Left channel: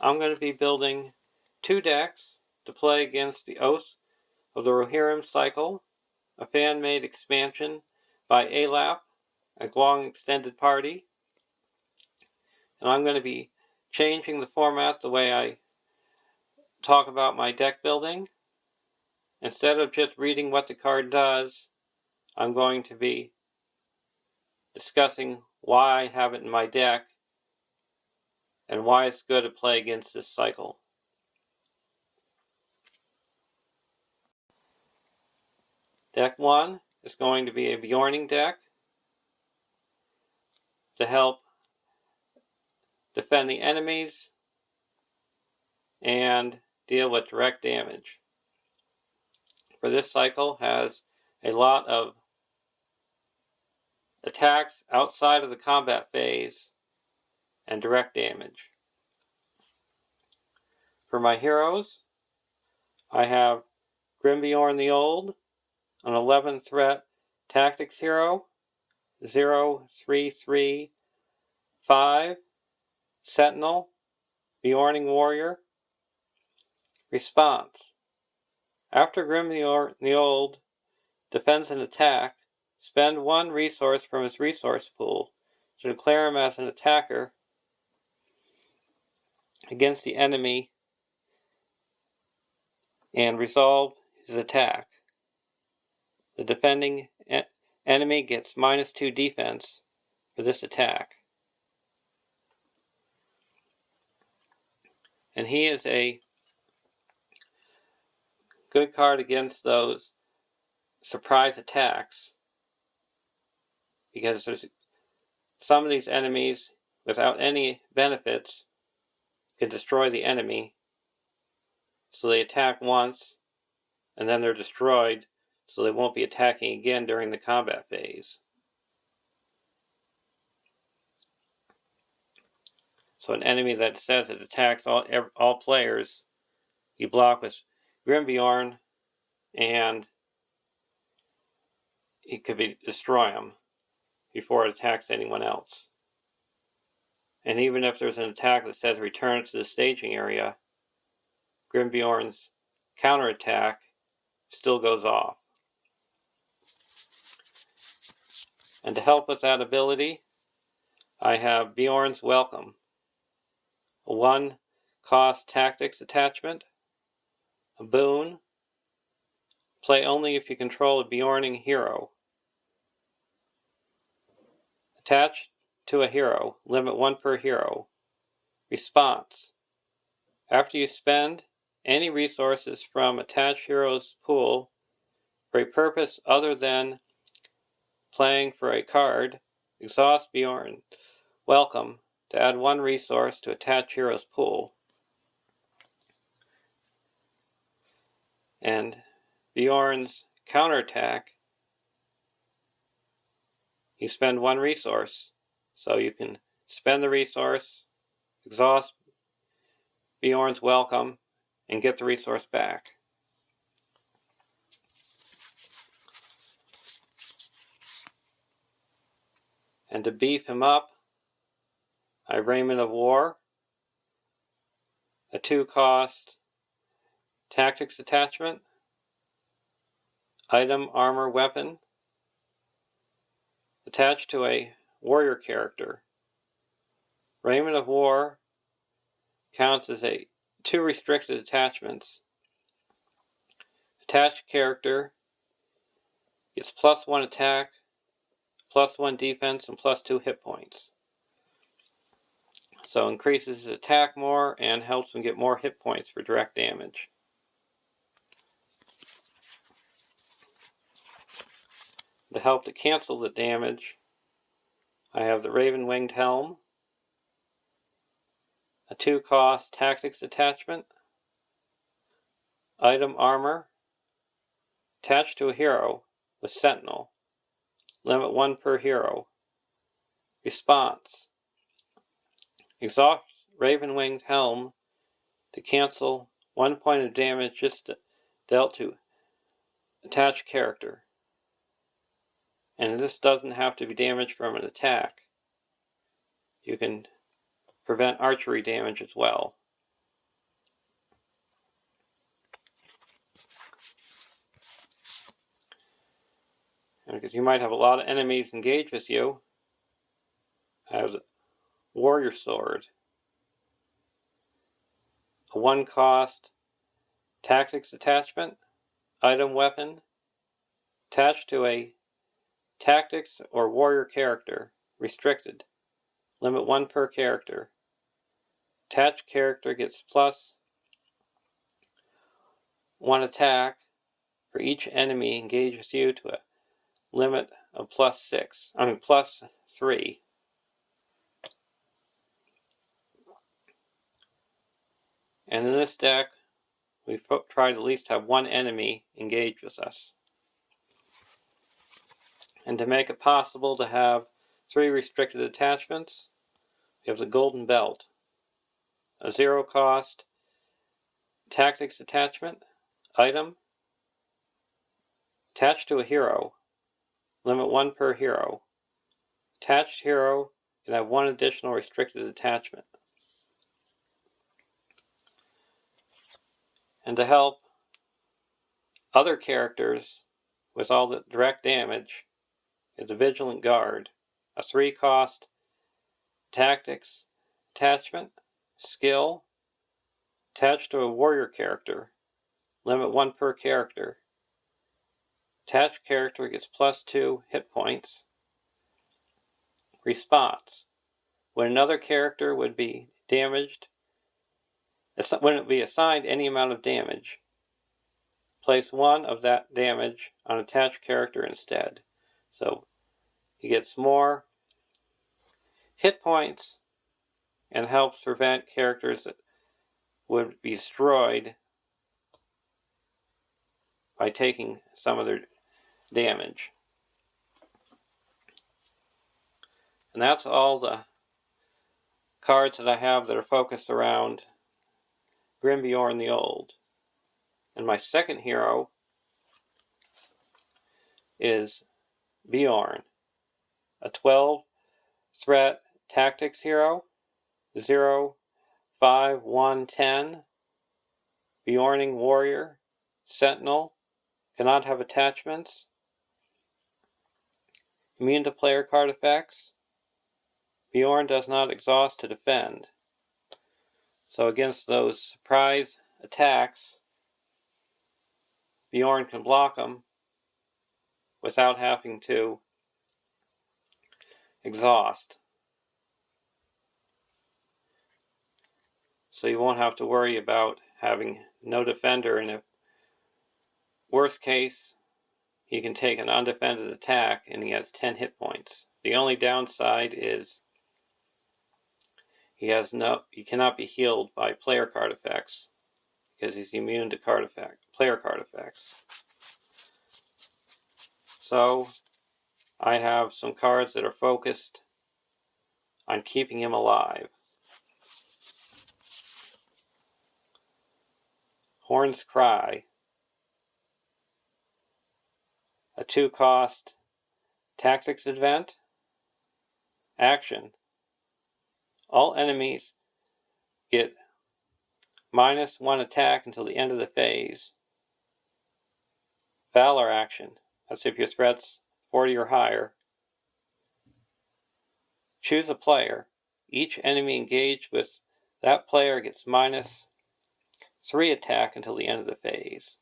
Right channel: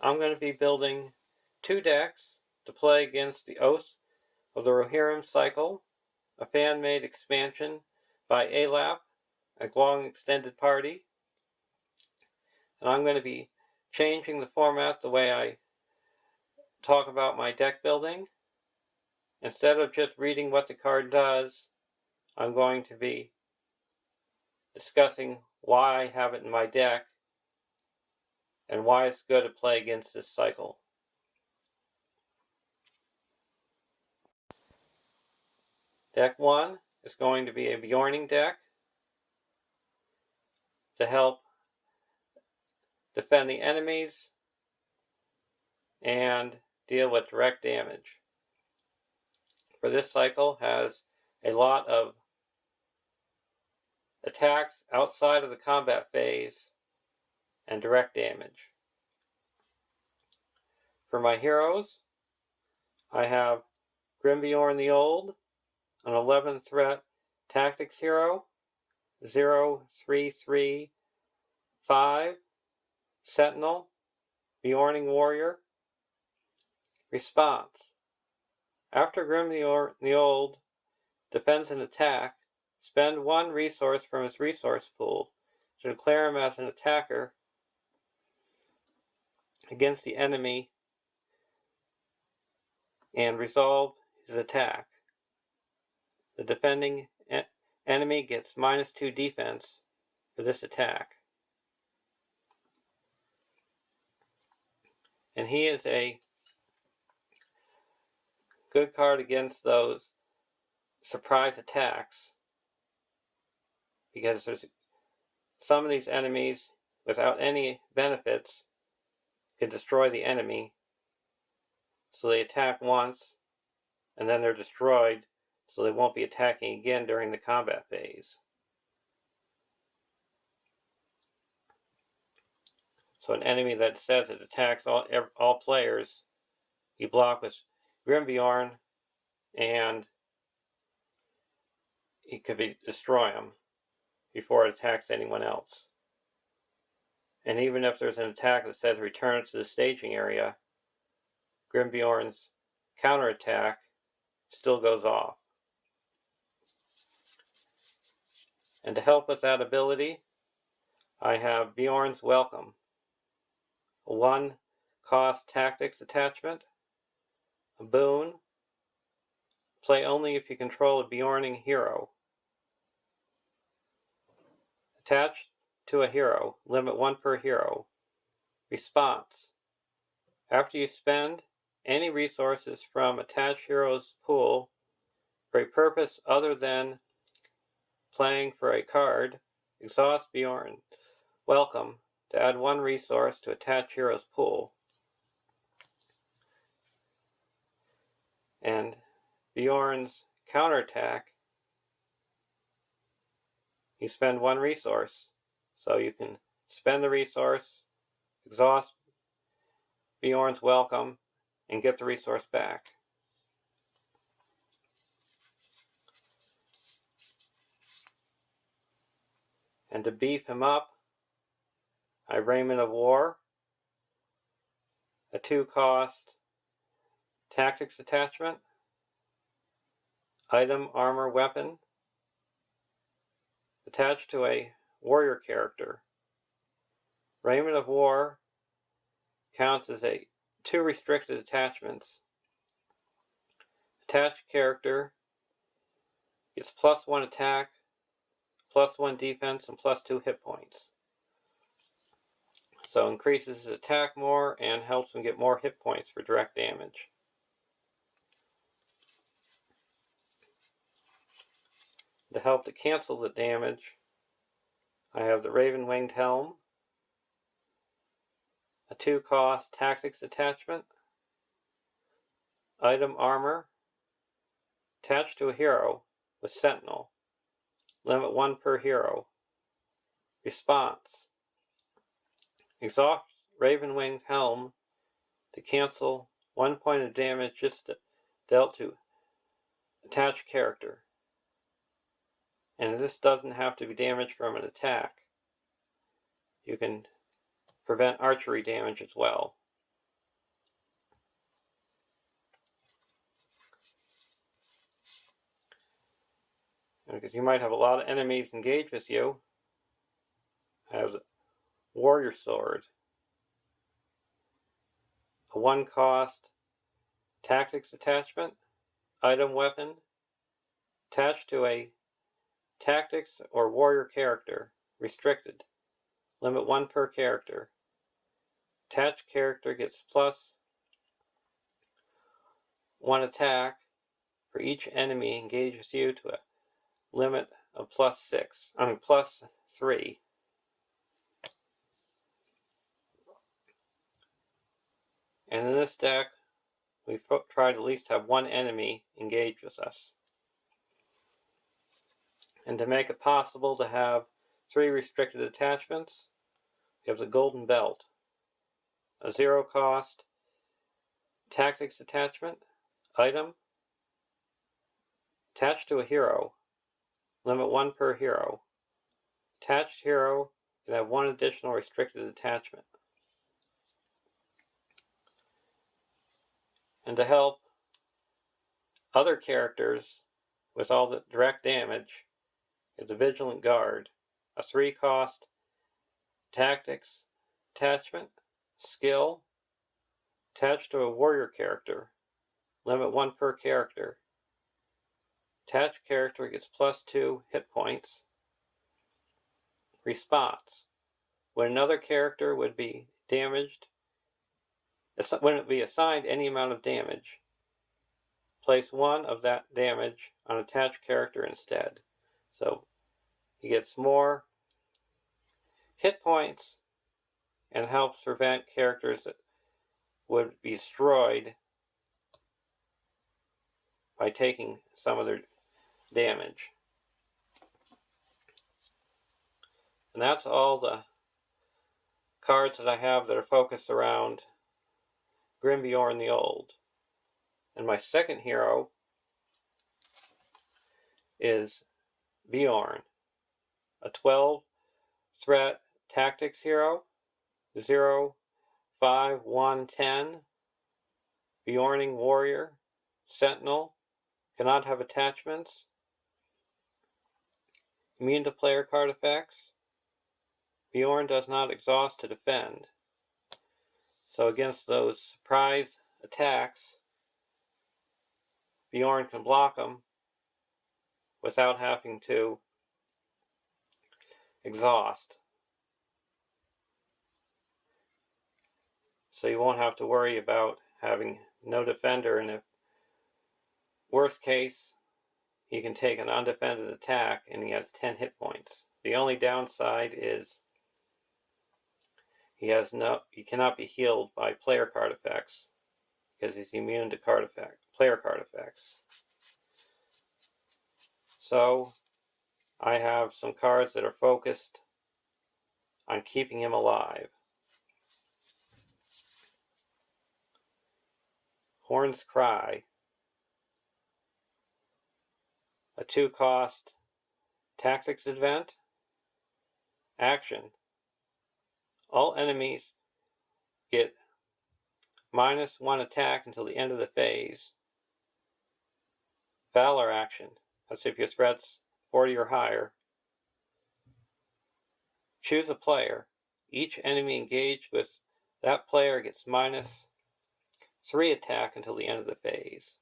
I'm going to be building 2 decks to play against the Oath of the Rohirrim cycle, a fan-made expansion by ALEP, a long extended party. And I'm going to be changing the format the way I talk about my deck building. Instead of just reading what the card does, I'm going to be discussing why I have it in my deck and why it's good to play against this cycle. Deck 1 is going to be a Bjorning deck to help defend the enemies and deal with direct damage. For this cycle has a lot of attacks outside of the combat phase and direct damage. For my heroes, I have Grimbeorn the Old, an 11 threat tactics hero, 0335 Sentinel, Bjorning warrior. Response: after Grimbeorn the Old defends an attack, spend 1 resource from his resource pool to declare him as an attacker against the enemy and resolve his attack. The defending enemy gets -2 defense for this attack. And he is a good card against those surprise attacks, because there's some of these enemies without any benefits can destroy the enemy, so they attack once and then they're destroyed, so they won't be attacking again during the combat phase. So an enemy that says it attacks all players, you block with Grimbeorn and it could destroy them before it attacks anyone else. And even if there's an attack that says return to the staging area, Grimbeorn's counterattack still goes off. And to help with that ability, I have Bjorn's Welcome, a 1 cost tactics attachment, a boon. Play only if you control a Bjorning hero. Attach to a hero, limit 1 per hero. Response: after you spend any resources from attached hero's pool for a purpose other than playing for a card, exhaust Bjorn Welcome to add 1 resource to attached hero's pool. And Bjorn's counterattack, you spend 1 resource, so you can spend the resource, exhaust Bjorn's Welcome, and get the resource back. And to beef him up, I have Raiment of War, a 2 cost tactics attachment, item, armor, weapon, attached to a warrior character. Raiment of War counts as 2 restricted attachments. Attached character gets +1 attack, +1 defense, and +2 hit points. So increases his attack more and helps him get more hit points for direct damage. To help to cancel the damage, I have the Raven-Winged Helm, a 2 cost tactics attachment, item, armor, attached to a hero with Sentinel, limit 1 per hero. Response: exhaust Raven-Winged Helm to cancel 1 point of damage just dealt to attached character. And this doesn't have to be damage from an attack. You can prevent archery damage as well. because you might have a lot of enemies engage with you, has Warrior Sword, a 1-cost tactics attachment, item weapon, attached to a tactics or warrior character, restricted, limit 1 per character. Attached character gets +1 attack for each enemy engaged with you to a limit of +3. And in this deck, we've tried to at least have 1 enemy engage with us. And to make it possible to have 3 restricted attachments, we have the Golden Belt, a 0-cost tactics attachment, item, attached to a hero, limit 1 per hero. Attached hero can have 1 additional restricted attachment. And to help other characters with all the direct damage is a Vigilant Guard, a 3-cost tactics attachment, skill, attached to a warrior character, limit 1 per character. Attached character gets +2 hit points. Response: when another character would be damaged, when it be assigned any amount of damage, place 1 of that damage on attached character instead. So he gets more hit points and helps prevent characters that would be destroyed by taking some of their damage. And that's all the cards that I have that are focused around Grimbeorn the Old. And my second hero is Beorn, a 12-threat tactics hero, 0, 5, 1, 10, Beorning warrior, sentinel, cannot have attachments, immune to player card effects. Beorn does not exhaust to defend. So against those surprise attacks, Beorn can block them without having to exhaust. So you won't have to worry about having no defender, and if worst case, he can take an undefended attack and he has 10 hit points. The only downside is he cannot be healed by player card effects because he's immune to player card effects. So I have some cards that are focused on keeping him alive. Horn's Cry, a 2-cost tactics event. Action: all enemies get -1 attack until the end of the phase. Valor action: that's if your threat's 40 or higher. Choose a player. Each enemy engaged with that player gets -3 attack until the end of the phase.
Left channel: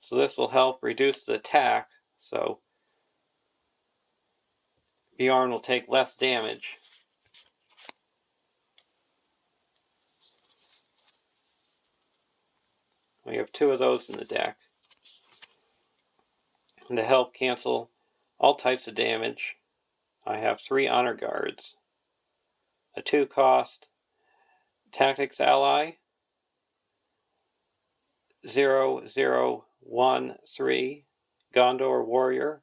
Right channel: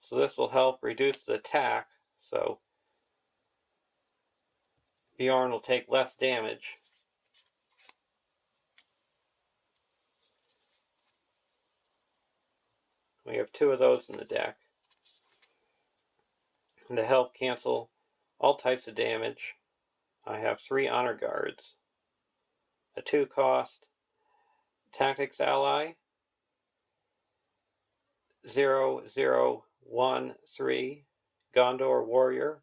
So this will help reduce the attack, so Beorn will take less damage. We have 2 of those in the deck. And to help cancel all types of damage, I have 3 Honor Guards. A 2-cost tactics ally, 0013 Gondor warrior.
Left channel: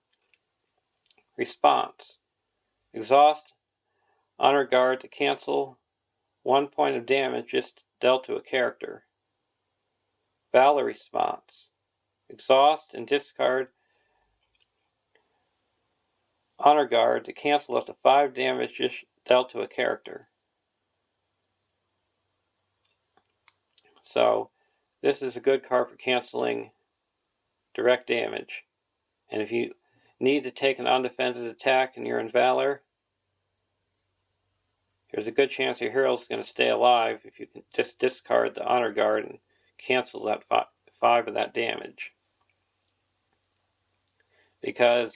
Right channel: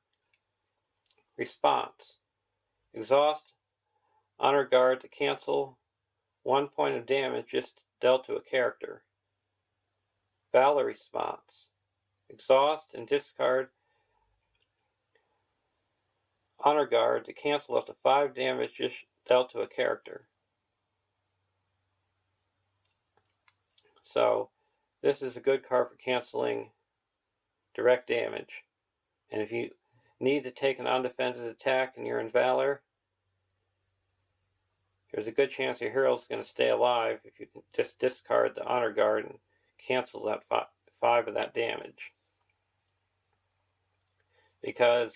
Response: exhaust Honor Guard to cancel 1 point of damage just dealt to a character. Valor response: exhaust and discard Honor Guard to cancel up to 5 damage just dealt to a character. So this is a good card for canceling direct damage. And if you need to take an undefended attack and you're in Valor, there's a good chance your hero is going to stay alive if you can just discard the Honor Guard and cancel that 5 of that damage. Because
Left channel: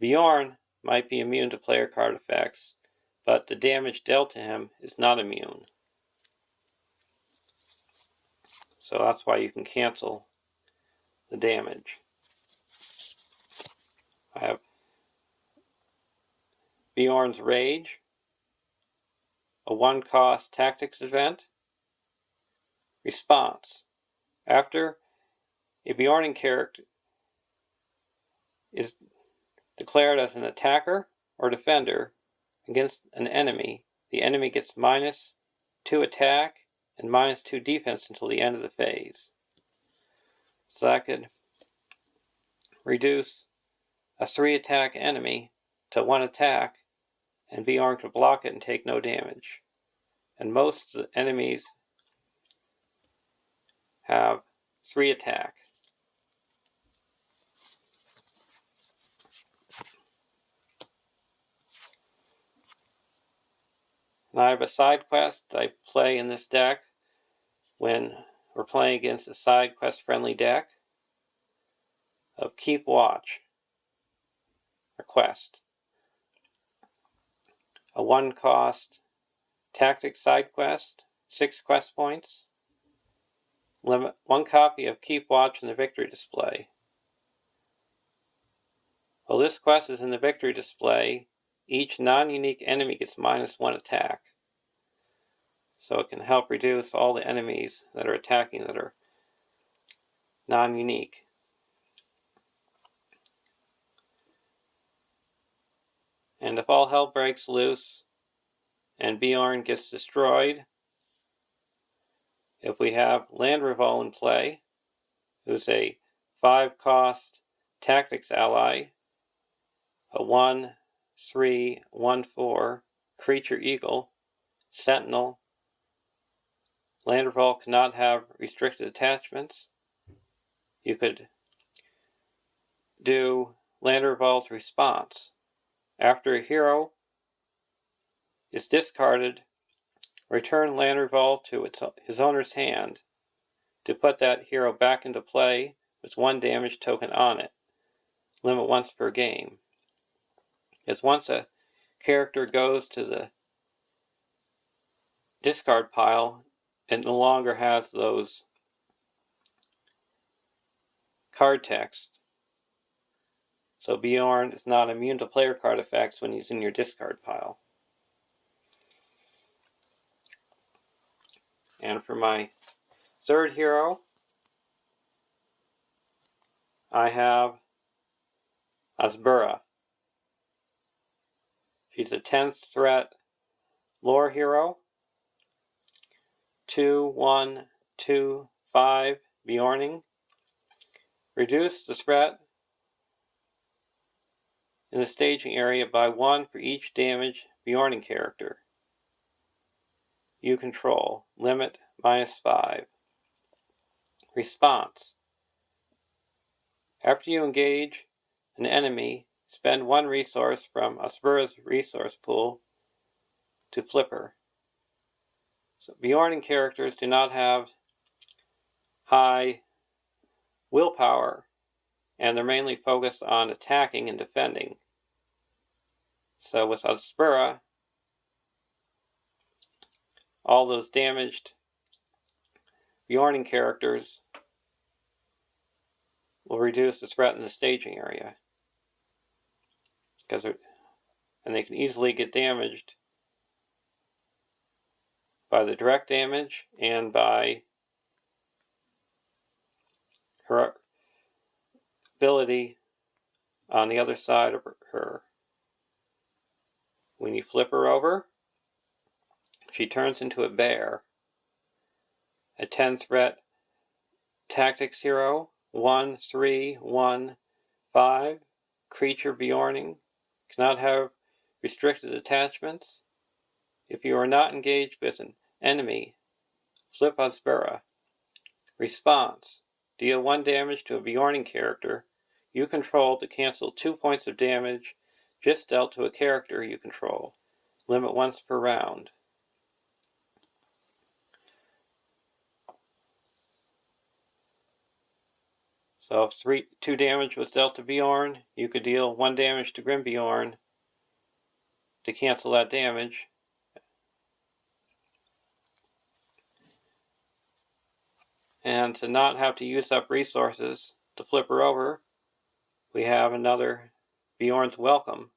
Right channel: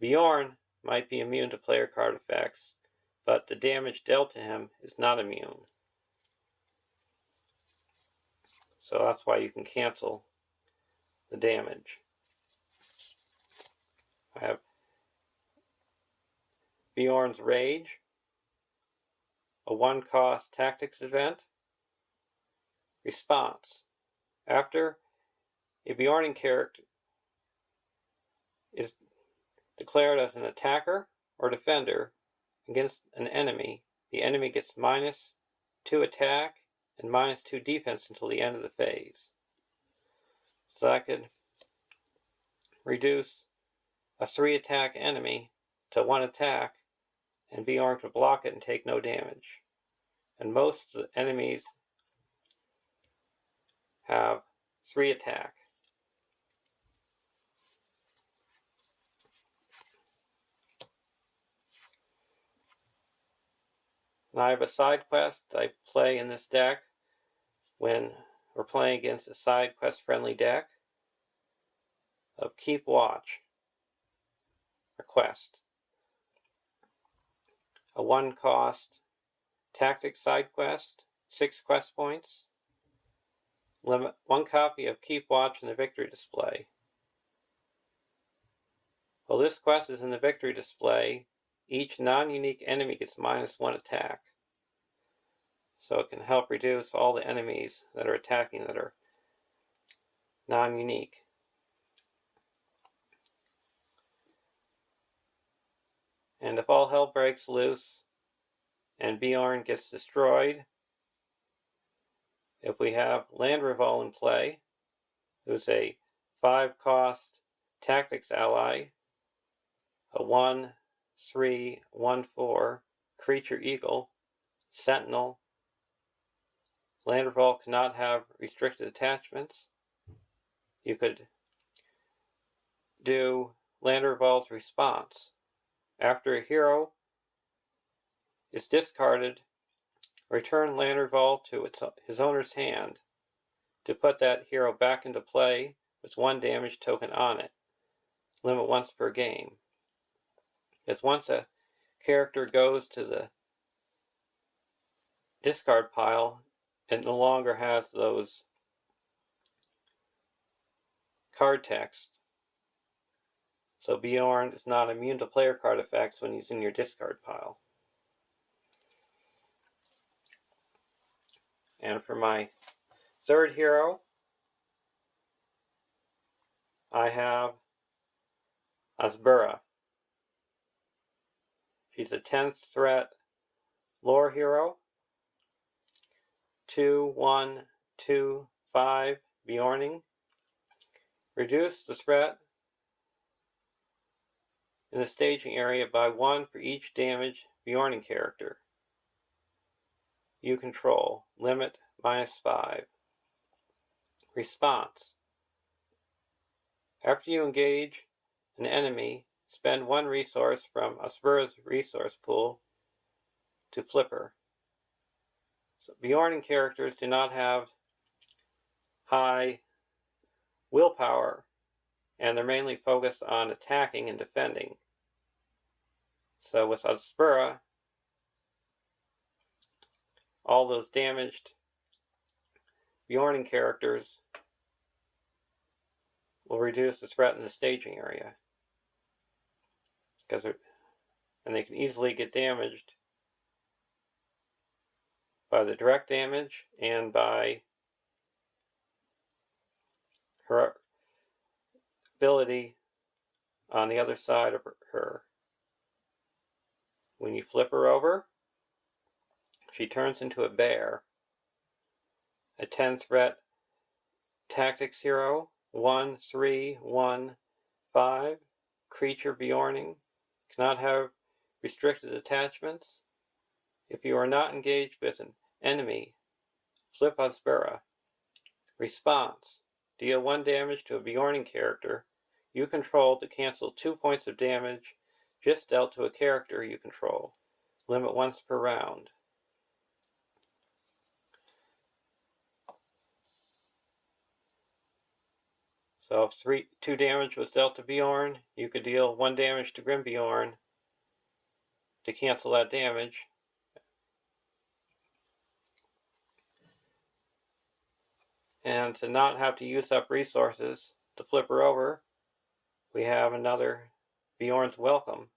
Bjorn might be immune to player card effects, but the damage dealt to him is not immune. So that's why you can cancel the damage. I have Bjorn's Rage, a 1-cost tactics event. Response. After a Bjorning character is declared as an attacker or defender against an enemy, the enemy gets -2 attack and -2 defense until the end of the phase. So that could reduce a 3-attack enemy to 1 attack, and Bjorn could block it and take no damage. And most enemies have 3 attack. And I have a side quest I play in this deck when we're playing against a side quest friendly deck of Keep Watch, a quest. A 1-cost tactics side quest, 6 quest points. Limit 1 copy of Keep Watch in the victory display. While this quest is in the victory display, each non-unique enemy gets -1 attack. So it can help reduce all the enemies that are attacking that are non-unique. And if all hell breaks loose and Bjorn gets destroyed, if we have Landreval in play, who's a 5-cost tactics ally, a 1/3/1/4 creature eagle, sentinel. Landreval cannot have restricted attachments. You could do Landreval's response. After a hero is discarded, return Landreval to his owner's hand to put that hero back into play with 1 damage token on it. Limit once per game. As once a character goes to the discard pile, it no longer has those card text. So Bjorn is not immune to player card effects when he's in your discard pile. And for my 3rd hero, I have Asbura. She's a 10th threat lore hero. 2/1/2/5 Bjorning. Reduce the threat in the staging area by 1 for each damage Bjorning character you control. Limit -5. Response. After you engage an enemy, spend 1 resource from Asbura's resource pool to flip her. So Bjorning characters do not have high willpower, and they're mainly focused on attacking and defending. So with Asbura, all those damaged Bjorning characters will reduce the threat in the staging area, and they can easily get damaged by the direct damage and by her ability on the other side of her. When you flip her over, she turns into a bear. A 10 threat tactics hero, 1/3/1/5 creature Bjorning, cannot have restricted attachments. If you are not engaged with an enemy, flip Asbura. Response. deal 1 damage to a Bjorning character you control to cancel 2 points of damage just dealt to a character you control. Limit once per round. So if 2 damage was dealt to Bjorn, you could deal 1 damage to Grimbjorn to cancel that damage. And to not have to use up resources to flip her over, we have another Bjorn's Welcome,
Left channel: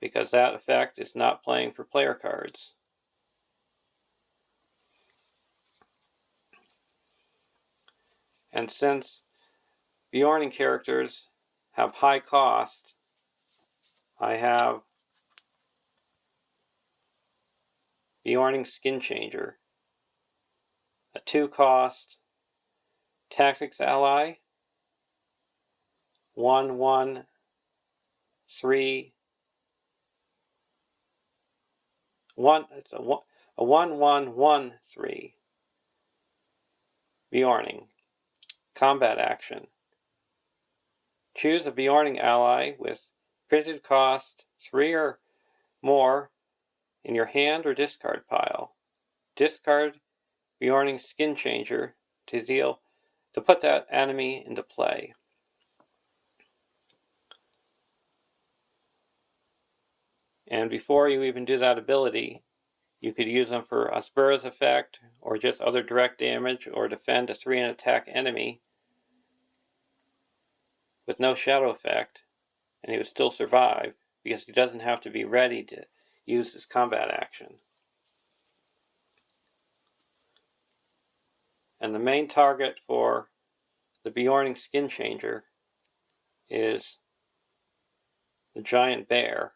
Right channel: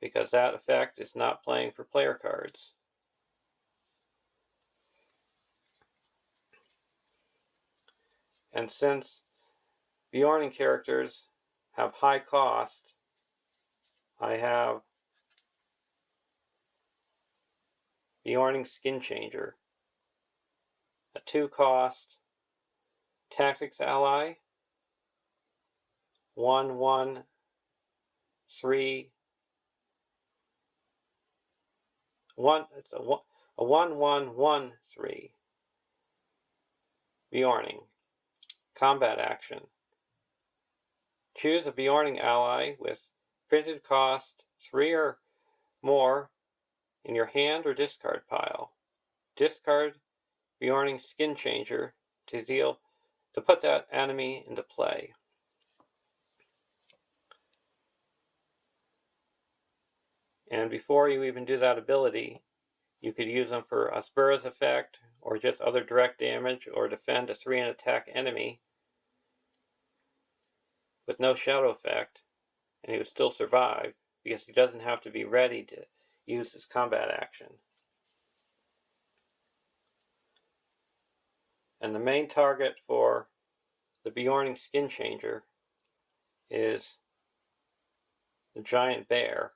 because that effect is not playing for player cards. And since Bjorning characters have high cost, I have Bjorning Skin Changer, a 2-cost tactics ally, 1/1/3 it's a 1/1/1/3 Bjorning. Combat action. Choose a Bjorning ally with printed cost 3 or more in your hand or discard pile. Discard Bjorning Skin Changer to put that enemy into play. And before you even do that ability, you could use them for a Spurs effect, or just other direct damage, or defend a 3 and attack enemy with no shadow effect, and he would still survive, because he doesn't have to be ready to use his combat action. And the main target for the Bjorning Skin Changer is the Giant Bear,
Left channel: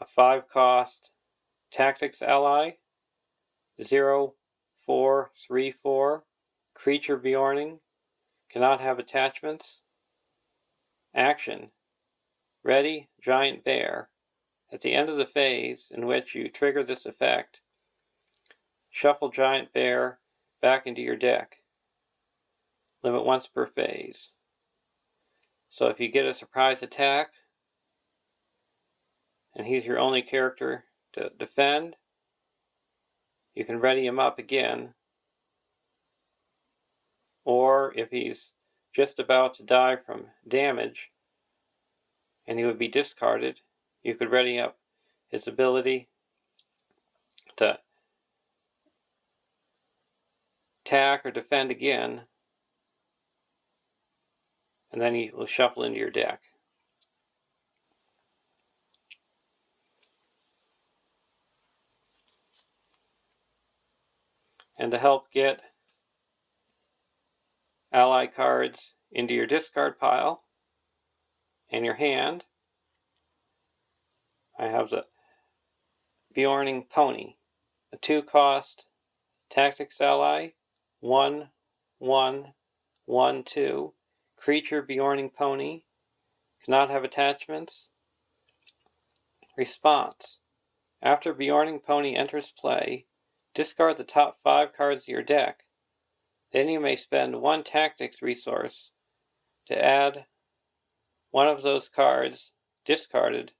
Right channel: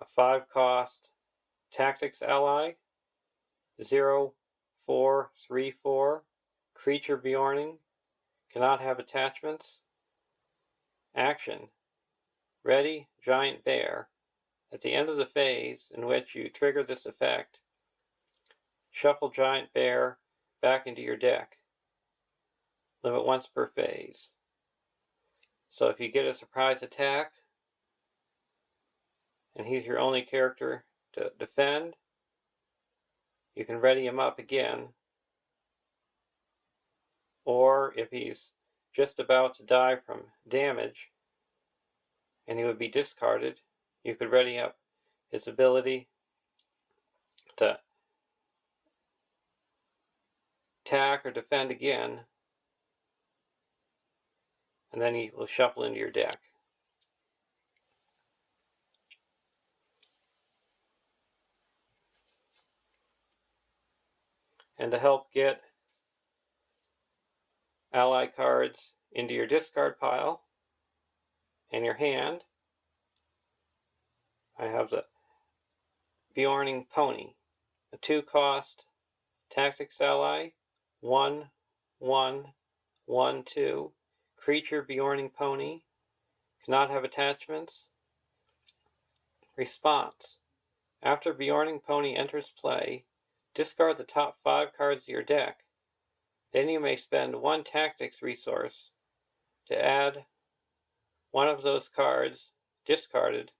a 5-cost tactics ally, 0/4/3/4 creature Bjorning, cannot have attachments. Action: ready Giant Bear. At the end of the phase in which you trigger this effect, shuffle Giant Bear back into your deck. Limit once per phase. So if you get a surprise attack, and he's your only character to defend, you can ready him up again. Or if he's just about to die from damage, and he would be discarded, you could ready up his ability to attack or defend again, and then he will shuffle into your deck. And to help get ally cards into your discard pile and your hand, I have the Bjorning Pony, a 2-cost tactics ally, 1/1/1/2 creature Bjorning Pony, cannot have attachments. Response: after Bjorning Pony enters play, discard the top 5 cards of your deck. Then you may spend 1 tactics resource to add one of those cards discarded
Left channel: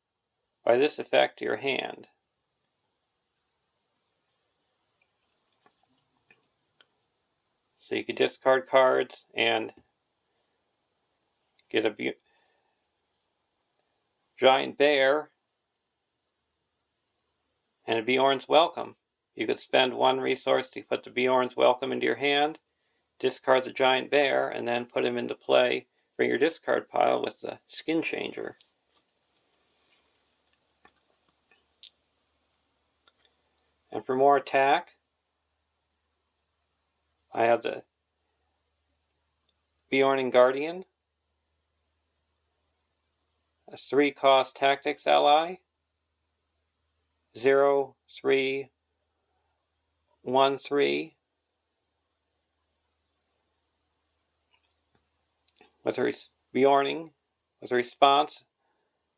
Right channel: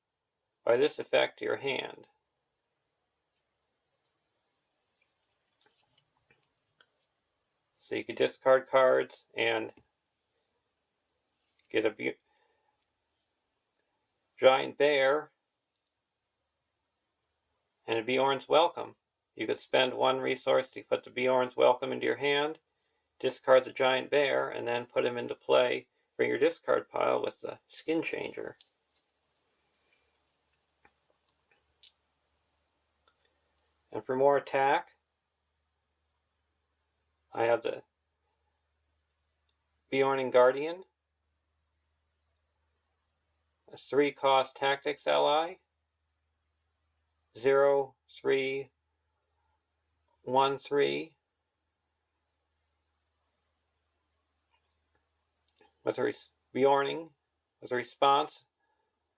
by this effect to your hand. So you could discard cards and get a Giant Bear and a Bjorn's Welcome. You could spend 1 resource to put the Bjorn's Welcome into your hand, discard the Giant Bear, and then put him into play for your discard pile with the Skin Changer. And for more attack, I have the Bjorning Guardian, a 3-cost tactics ally, 0/3/1/3 with a response:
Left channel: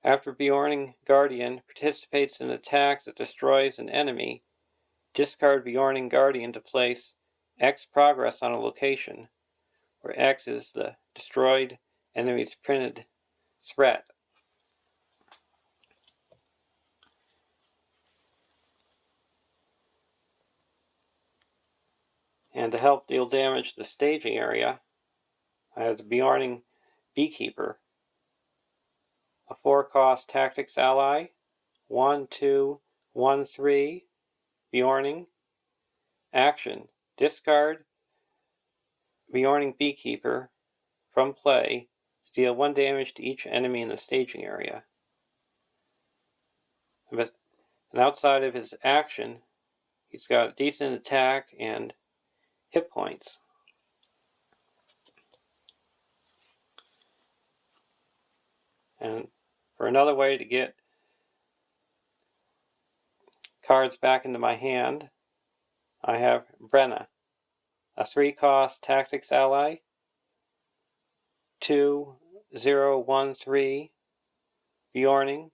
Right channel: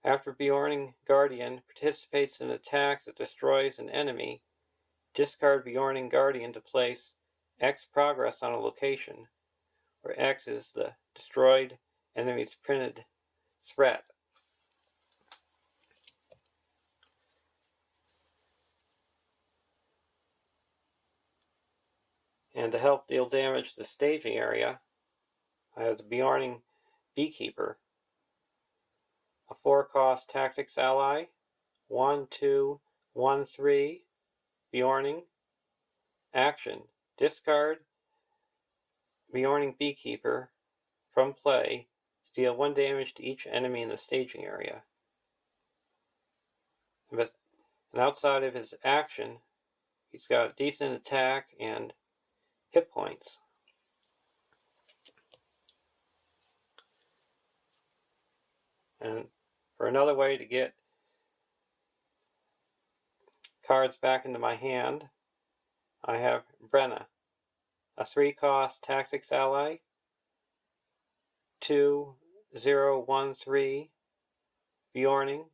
after Bjorning Guardian participates in an attack that destroys an enemy, discard Bjorning Guardian to place X progress on a location, where X is the destroyed enemy's printed threat. And to help deal damage to the staging area, I have the Beorning Beekeeper, a 4-cost tactics ally, 1/2, 1/3, Beorning. Action: discard Beorning Beekeeper from play to deal 1 damage to each enemy in the staging area. And outside of his action, he's got decent attack and hit points. And for another way to get cards back into my hand, I have Brenna, a 3-cost tactics ally, 2/0/1/3, Beorning.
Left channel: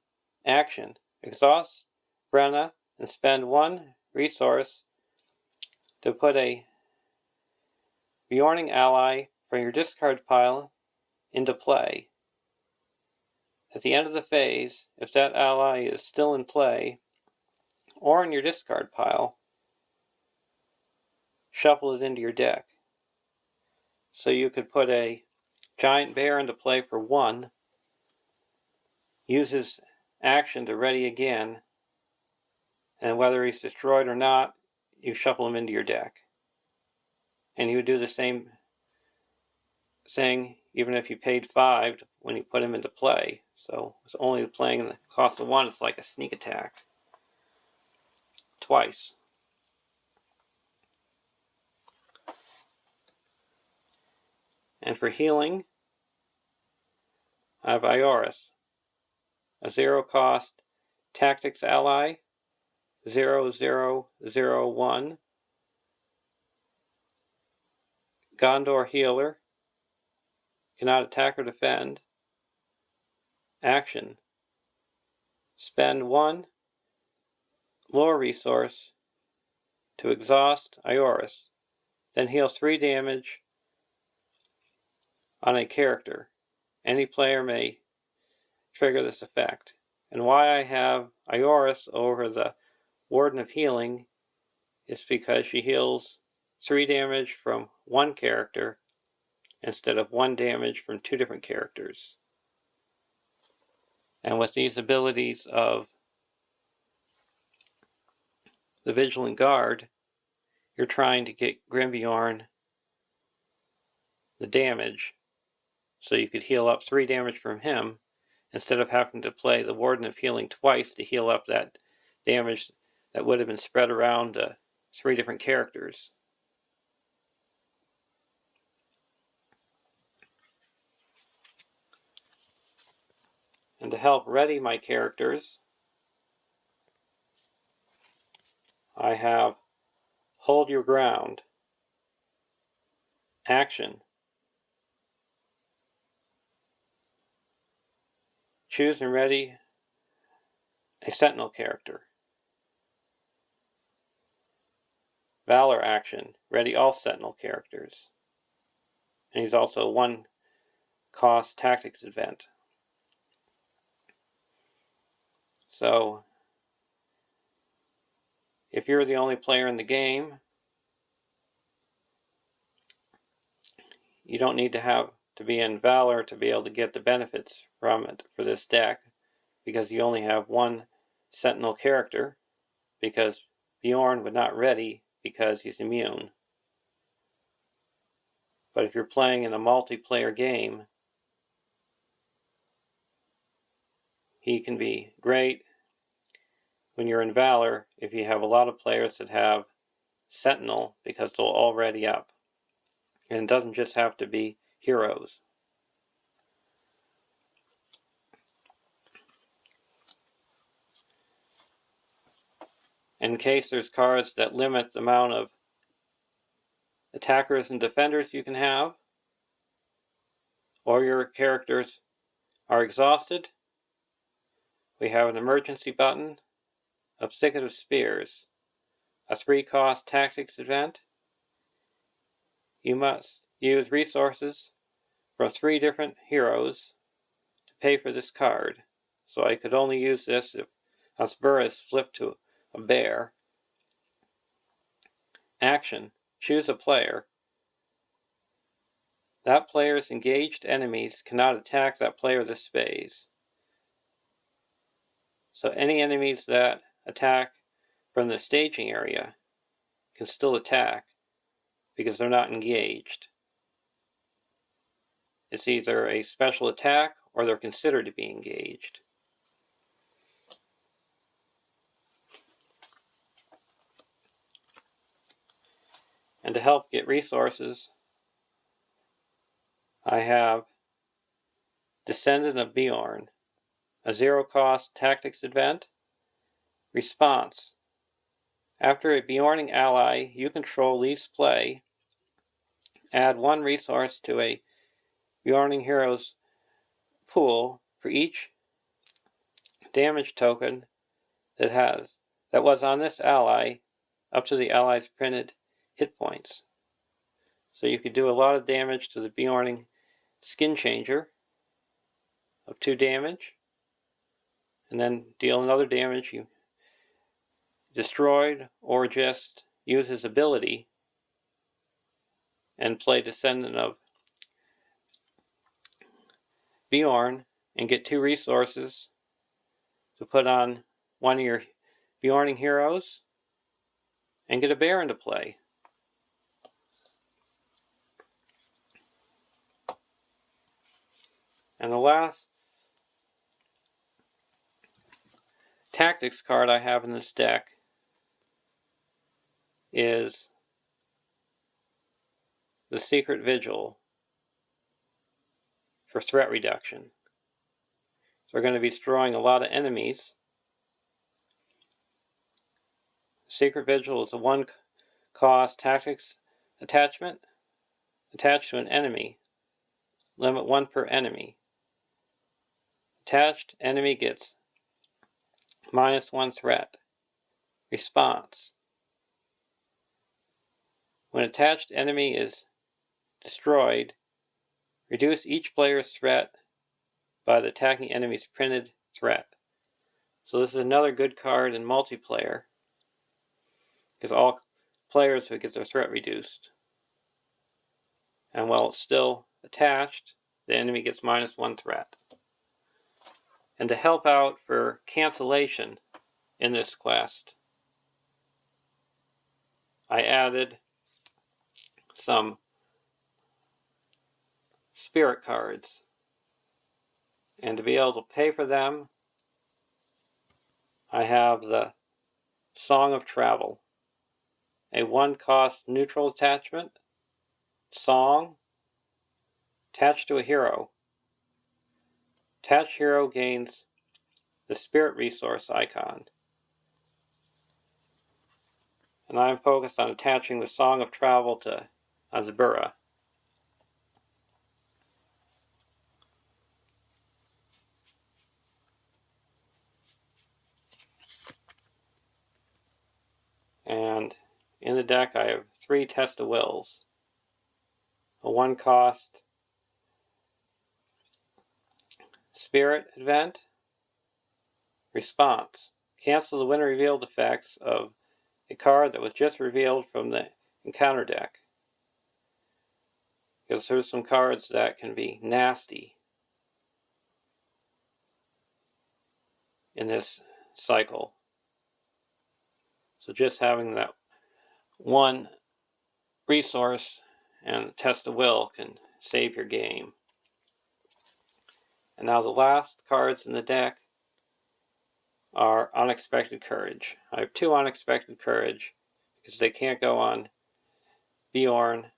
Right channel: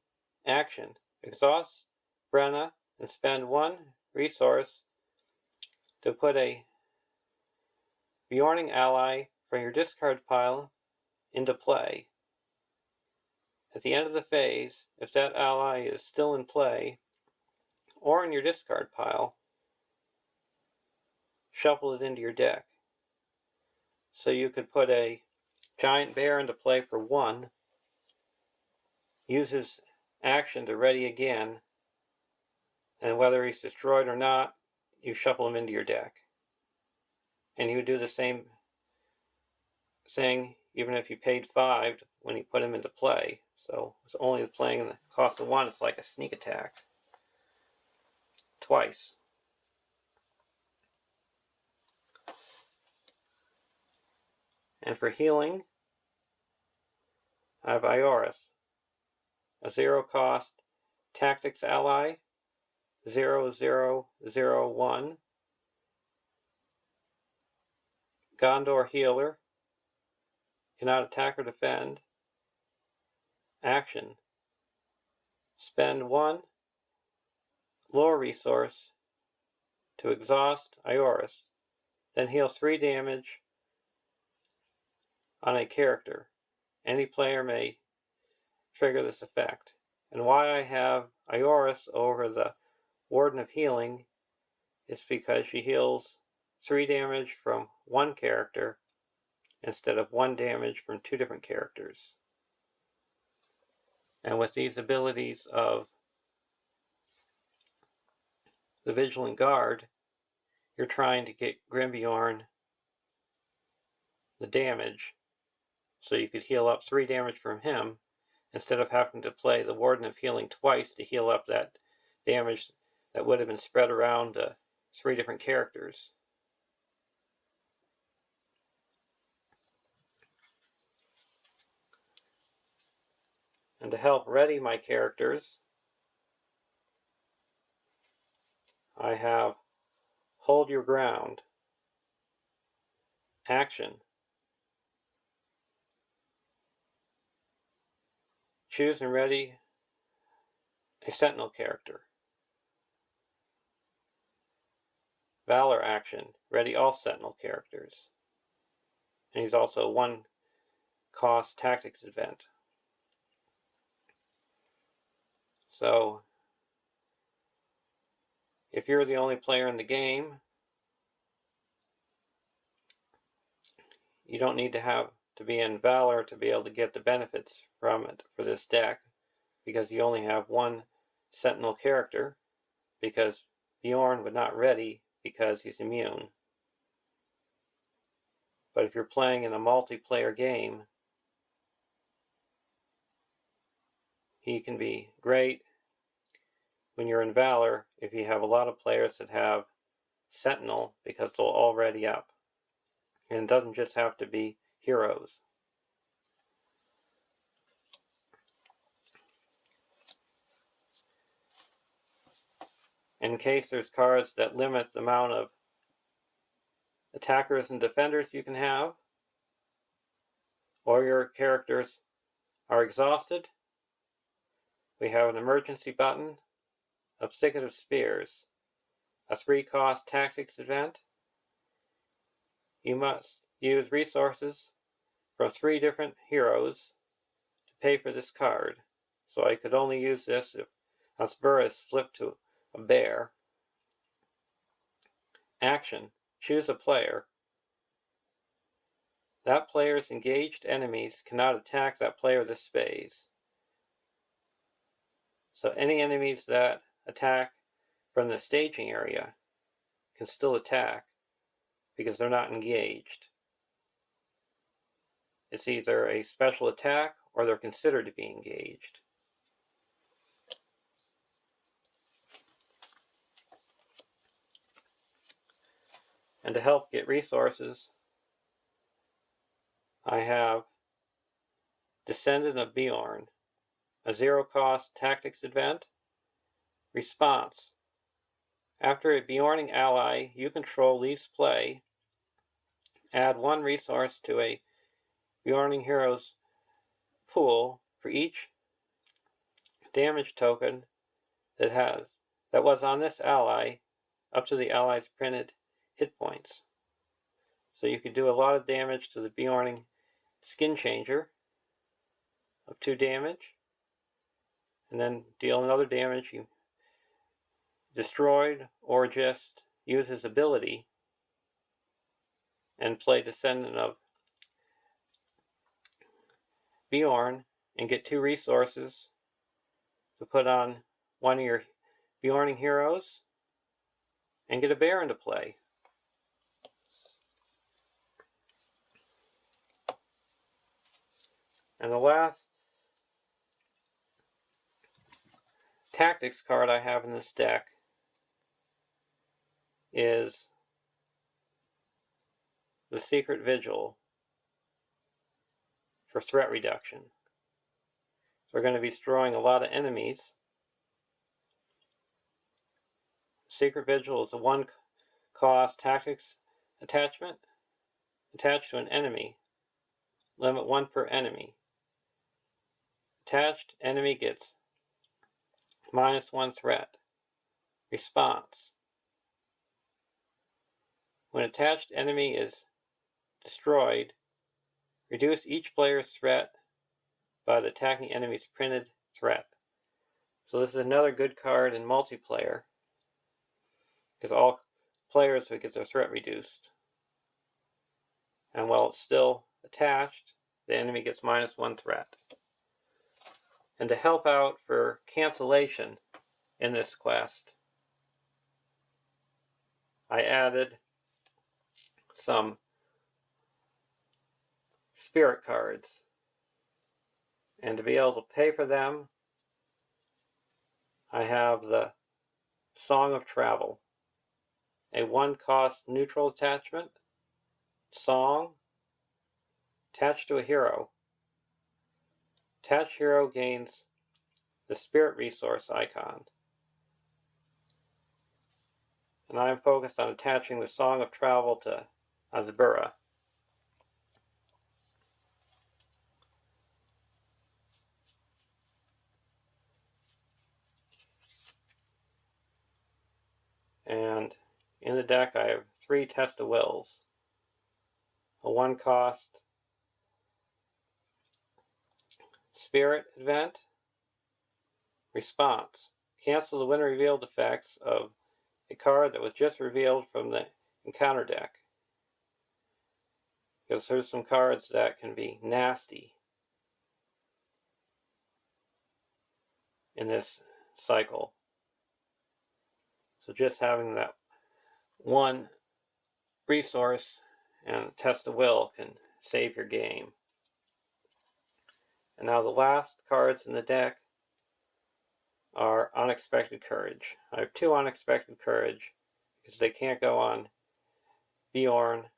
Action: exhaust Brenna and spend 1 resource to put a Beorning ally from your discard pile into play. At the end of the phase, if that ally is still in play or in your discard pile, shuffle it into your deck. So you could put a giant bear into play for 1, use his action to ready again, and whether he's destroyed or not, you shuffle him into your deck. And you would do the same thing even if you paid 5 when you put him into play. So it's only playing the cost of 1. It's like a sneak attack twice. And for healing, I have Eorl, a 0-cost tactics ally, 0/0/0/1, Gondor healer, cannot attack or defend. Action: spend 1 lore resource to exhaust Eorl, then heal 3 damage on a character. Any player may trigger this effect. And why I have Eorl over the Warden of Healing is because she heals 3 damage from 1 character instead of 1 damage from 2 different characters. And with these abilities of the Vigilant Guard, you're trying to get Grimbeorn the damage, so you could heal up 3 damage from him instead of having to play the Warden of Healing twice to heal up that damage that would have been spread around 3 different characters. And to help ready my characters, I have Hold Your Ground. Action: choose and ready a Sentinel character. Valor action: ready all Sentinel characters. And he's also a 1-cost tactics event. So if you're the only player in the game, you don't need to be in Valor to be able to get the benefits from it for this deck, because you only have 1 Sentinel character, because Beorn would not ready because he's immune. But if you're playing in a multiplayer game, he can be great when you're in Valor if you have a lot of players that have Sentinel, because they'll all ready up. And it doesn't just have to be heroes. In case there's cards that limit the amount of attackers and defenders you can have, or your characters are exhausted, we have an emergency button of Thicket of Spears, a 3-cost tactics event. you must use resources from 3 different heroes to pay for this card. So I could only use this if Asbura is flipped to a bear. Action. Choose a player. That player's engaged enemies cannot attack that player this phase. So any enemies that attack from the staging area can still attack because they're not engaged. It's either a special attack or they're considered to be engaged. And to help get resources, I have Descendant of Eorl, a 0-cost tactics event. Response. After a Eorling ally you control leaves play, add 1 resource to a Eorling hero's pool for each damage token that was on this ally up to the ally's printed hit points. So you could do a lot of damage to the Eorling skin changer of 2 damage, and then deal another damage you destroyed, or just use his ability and play Descendant of Eorl and get 2 resources to put on one of your Eorling heroes and get a bear into play. And the last tactics card I have in this deck is the Secret Vigil for threat reduction. So we're going to be destroying a lot of enemies. Secret Vigil is a 1-cost tactics attachment attached to an enemy. Limit 1 per enemy. Attached enemy gets -1 threat. Response. When attached enemy is destroyed, reduce each player's threat by the attacking enemy's printed threat. So this is another good card in multiplayer, because all players would get their threat reduced. And while it's still attached, the enemy gets -1 threat. And to help out for cancellation in this quest, I added some spirit cards. And to be able to pay for them, I have the Song of Travel, a 1-cost neutral attachment, song, attached to a hero. Attached hero gains the spirit resource icon. And I'm focused on attaching the Song of Travel to Asbura. And in the deck I have 3 Test of Wills, a 1-cost spirit event. Response. Cancel the when revealed effects of a card that was just revealed from the encounter deck, because there's some cards that can be nasty in this cycle. So just having that 1 resource and Test of Will can save your game. And now the last cards in the deck are Unexpected Courage. I have 2 Unexpected Courage because they can't go on Eorl,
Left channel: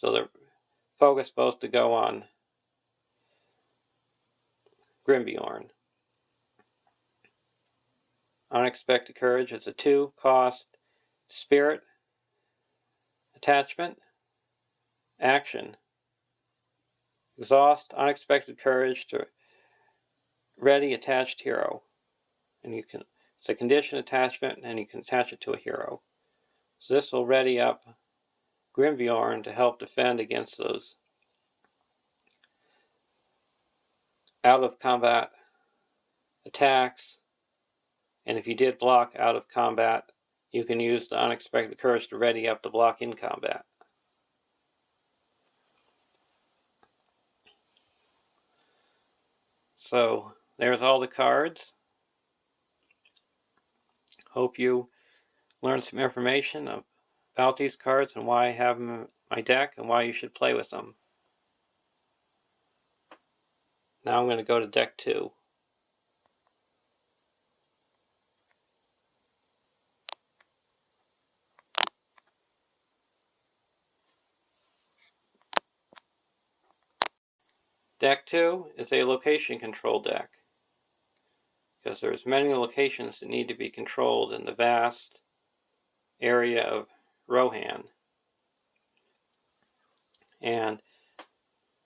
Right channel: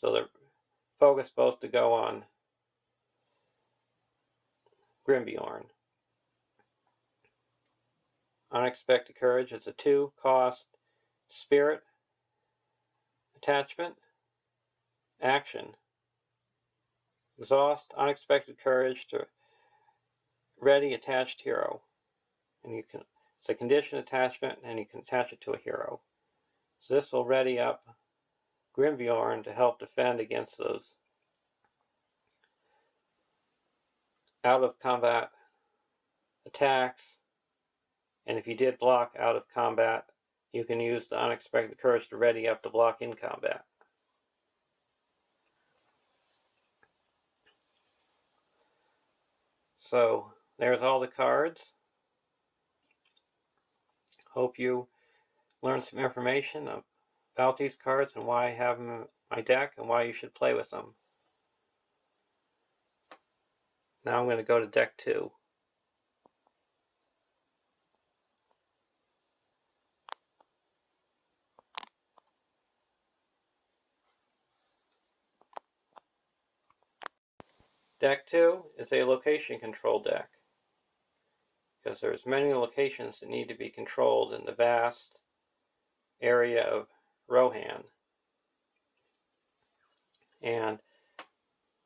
so they're focused both to go on Grimbeorn. Unexpected Courage is a 2-cost spirit attachment. Action. Exhaust Unexpected Courage to ready attached hero. And it's a condition attachment, and you can attach it to a hero. So this will ready up Grimbjorn to help defend against those out-of-combat attacks. And if you did block out of combat, you can use the Unexpected Courage to ready up to block in combat. So there's all the cards. Hope you learned some information about these cards and why I have them in my deck and why you should play with them. Now I'm going to go to deck 2. Deck 2 is a location control deck, because there's many locations that need to be controlled in the vast area of Rohan. And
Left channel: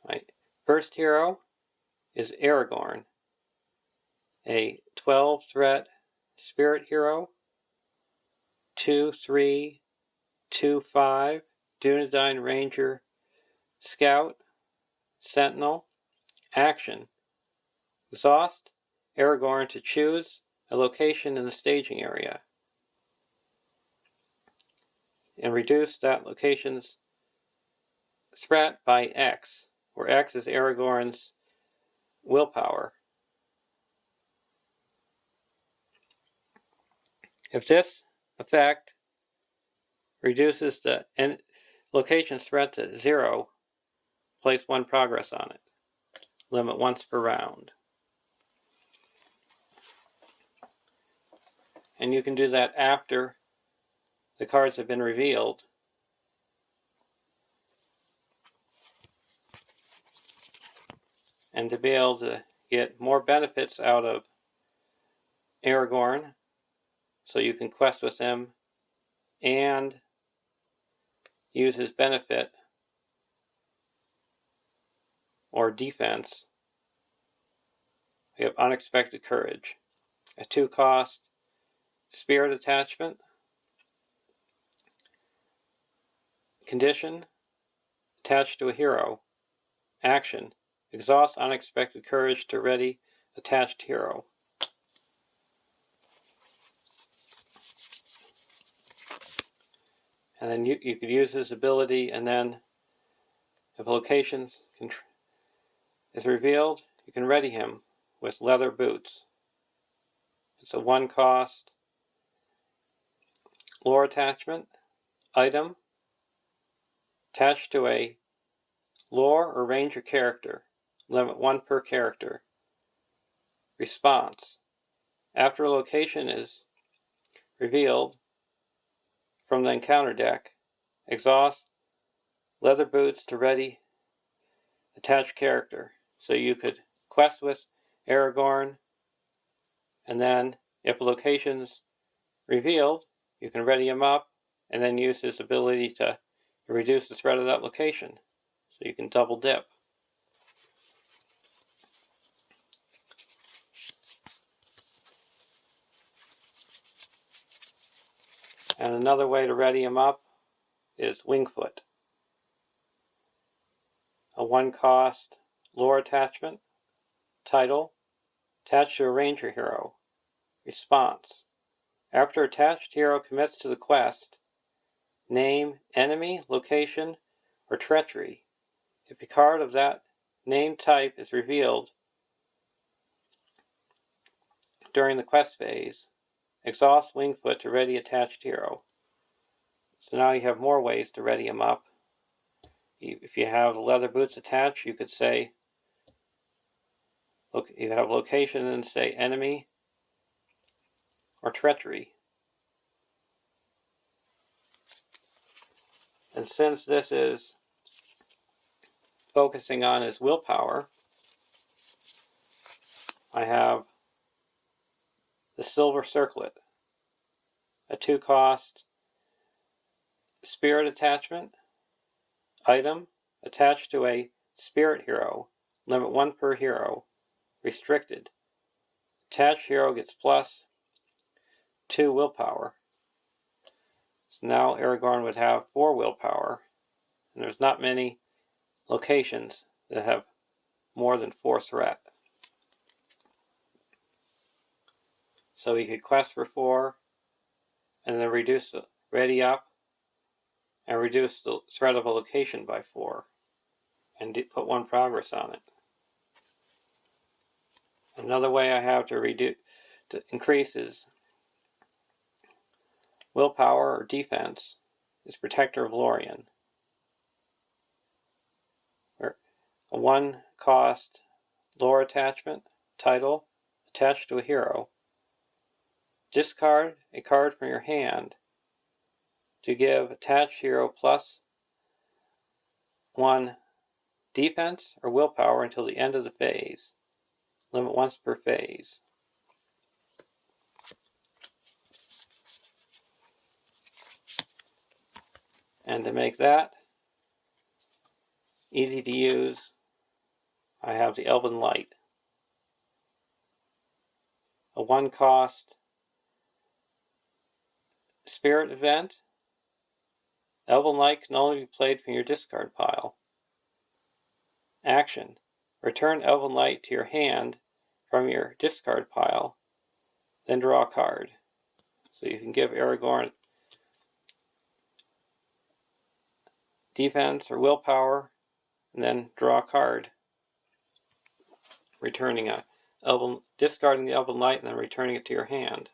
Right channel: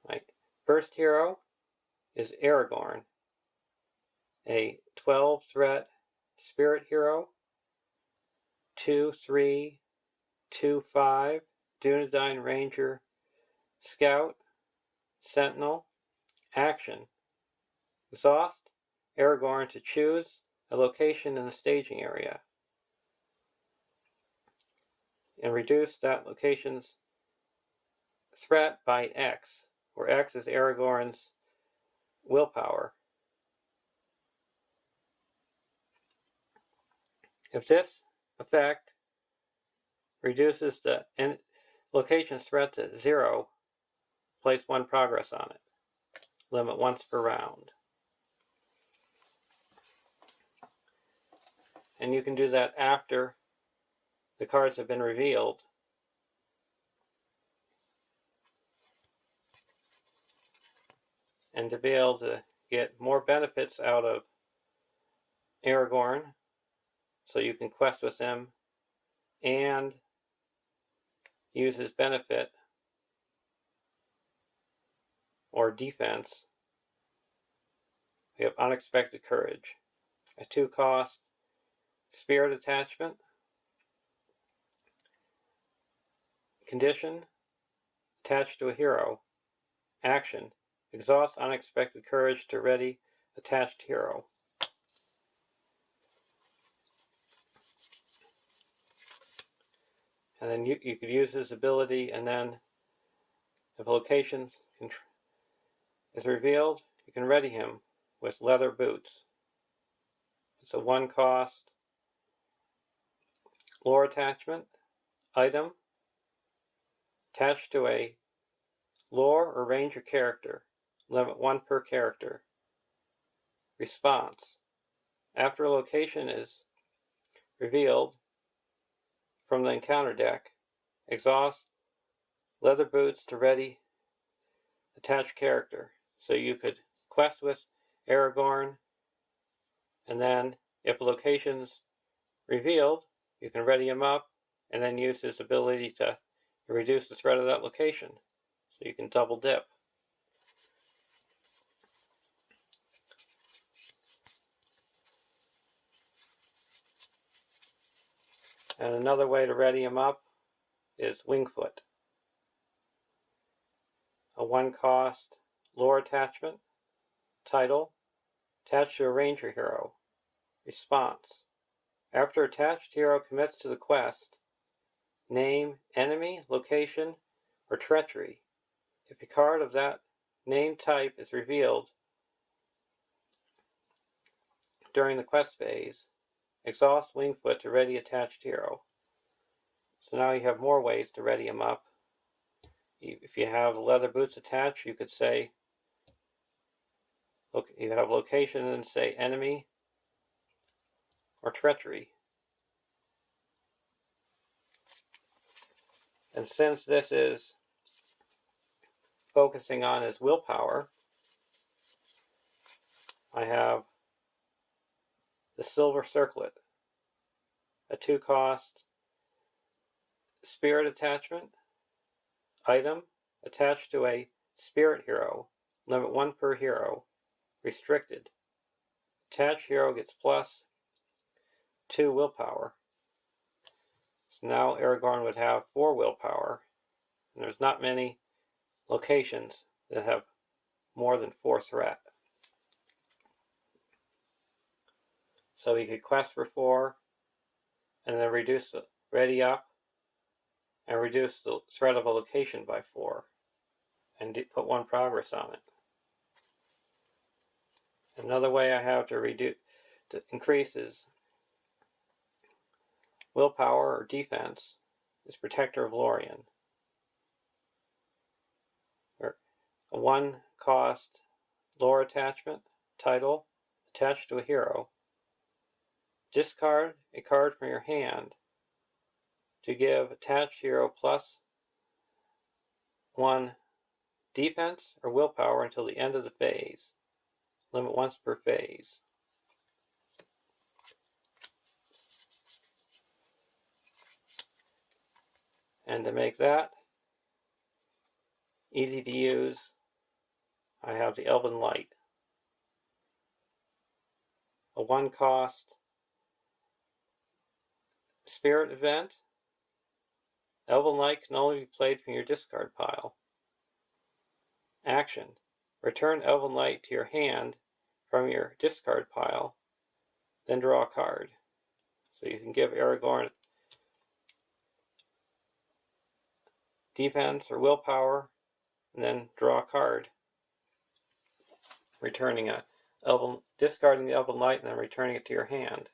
my first hero is Aragorn, a 12-threat spirit hero, 2/3, 2/5, Dunedain Ranger Scout, Sentinel. Action: exhaust Aragorn to choose a location in the staging area and reduce that location's threat by X, where X is Aragorn's willpower. If this effect reduces the location's threat to 0, place 1 progress on it. Limit once per round. And you can do that after the cards have been revealed. And to be able to get more benefits out of Aragorn, so you can quest with him and use his benefit or defense, we have Unexpected Courage, a 2-cost spirit attachment. Condition: attached to a hero. Action: exhaust Unexpected Courage to ready attached hero. And then you could use his ability, and then if a location is revealed, you can ready him with leather boots. It's a 1-cost lore attachment. Item: attached to a lore or ranger character. Limit 1 per character. Response: after a location is revealed from the encounter deck, exhaust leather boots to ready attached character. So you could quest with Aragorn, and then if a location's revealed, you can ready him up and then use his ability to reduce the threat of that location. So you can double dip. And another way to ready him up is Wingfoot, a 1-cost lore attachment. Title: attached to a ranger hero. Response: after attached hero commits to the quest, name enemy, location, or treachery. If a card of that name type is revealed during the quest phase, exhaust Wingfoot to ready attached hero. So now you have more ways to ready him up. If you have leather boots attached, you could say, look, you have location and say enemy or treachery. And since this is focusing on his willpower, I have the Silver Circlet, a 2-cost spirit attachment. Item: attached to a spirit hero. Limit 1 per hero. Restricted. Attached hero gets +2 willpower. So now Aragorn would have 4 willpower and there's not many locations that have more than 4 threat. So we could quest for 4, and then reduce the ready up, and reduce the threat of a location by 4, and put 1 progress on it. Another way I have to increase is willpower or defense is Protector of Lorien, or a 1 cost lore attachment title attached to a hero. Discard a card from your hand to give attached hero plus 1 defense or willpower until the end of the phase. Limit once per phase. And to make that easy to use, I have the Elven Light, a 1 cost spirit event. Elven Light can only be played from your discard pile. Action: return Elven Light to your hand from your discard pile, then draw a card. So you can give Aragorn defense or willpower, and then draw a card, discarding the Elven Light and then returning it to your hand.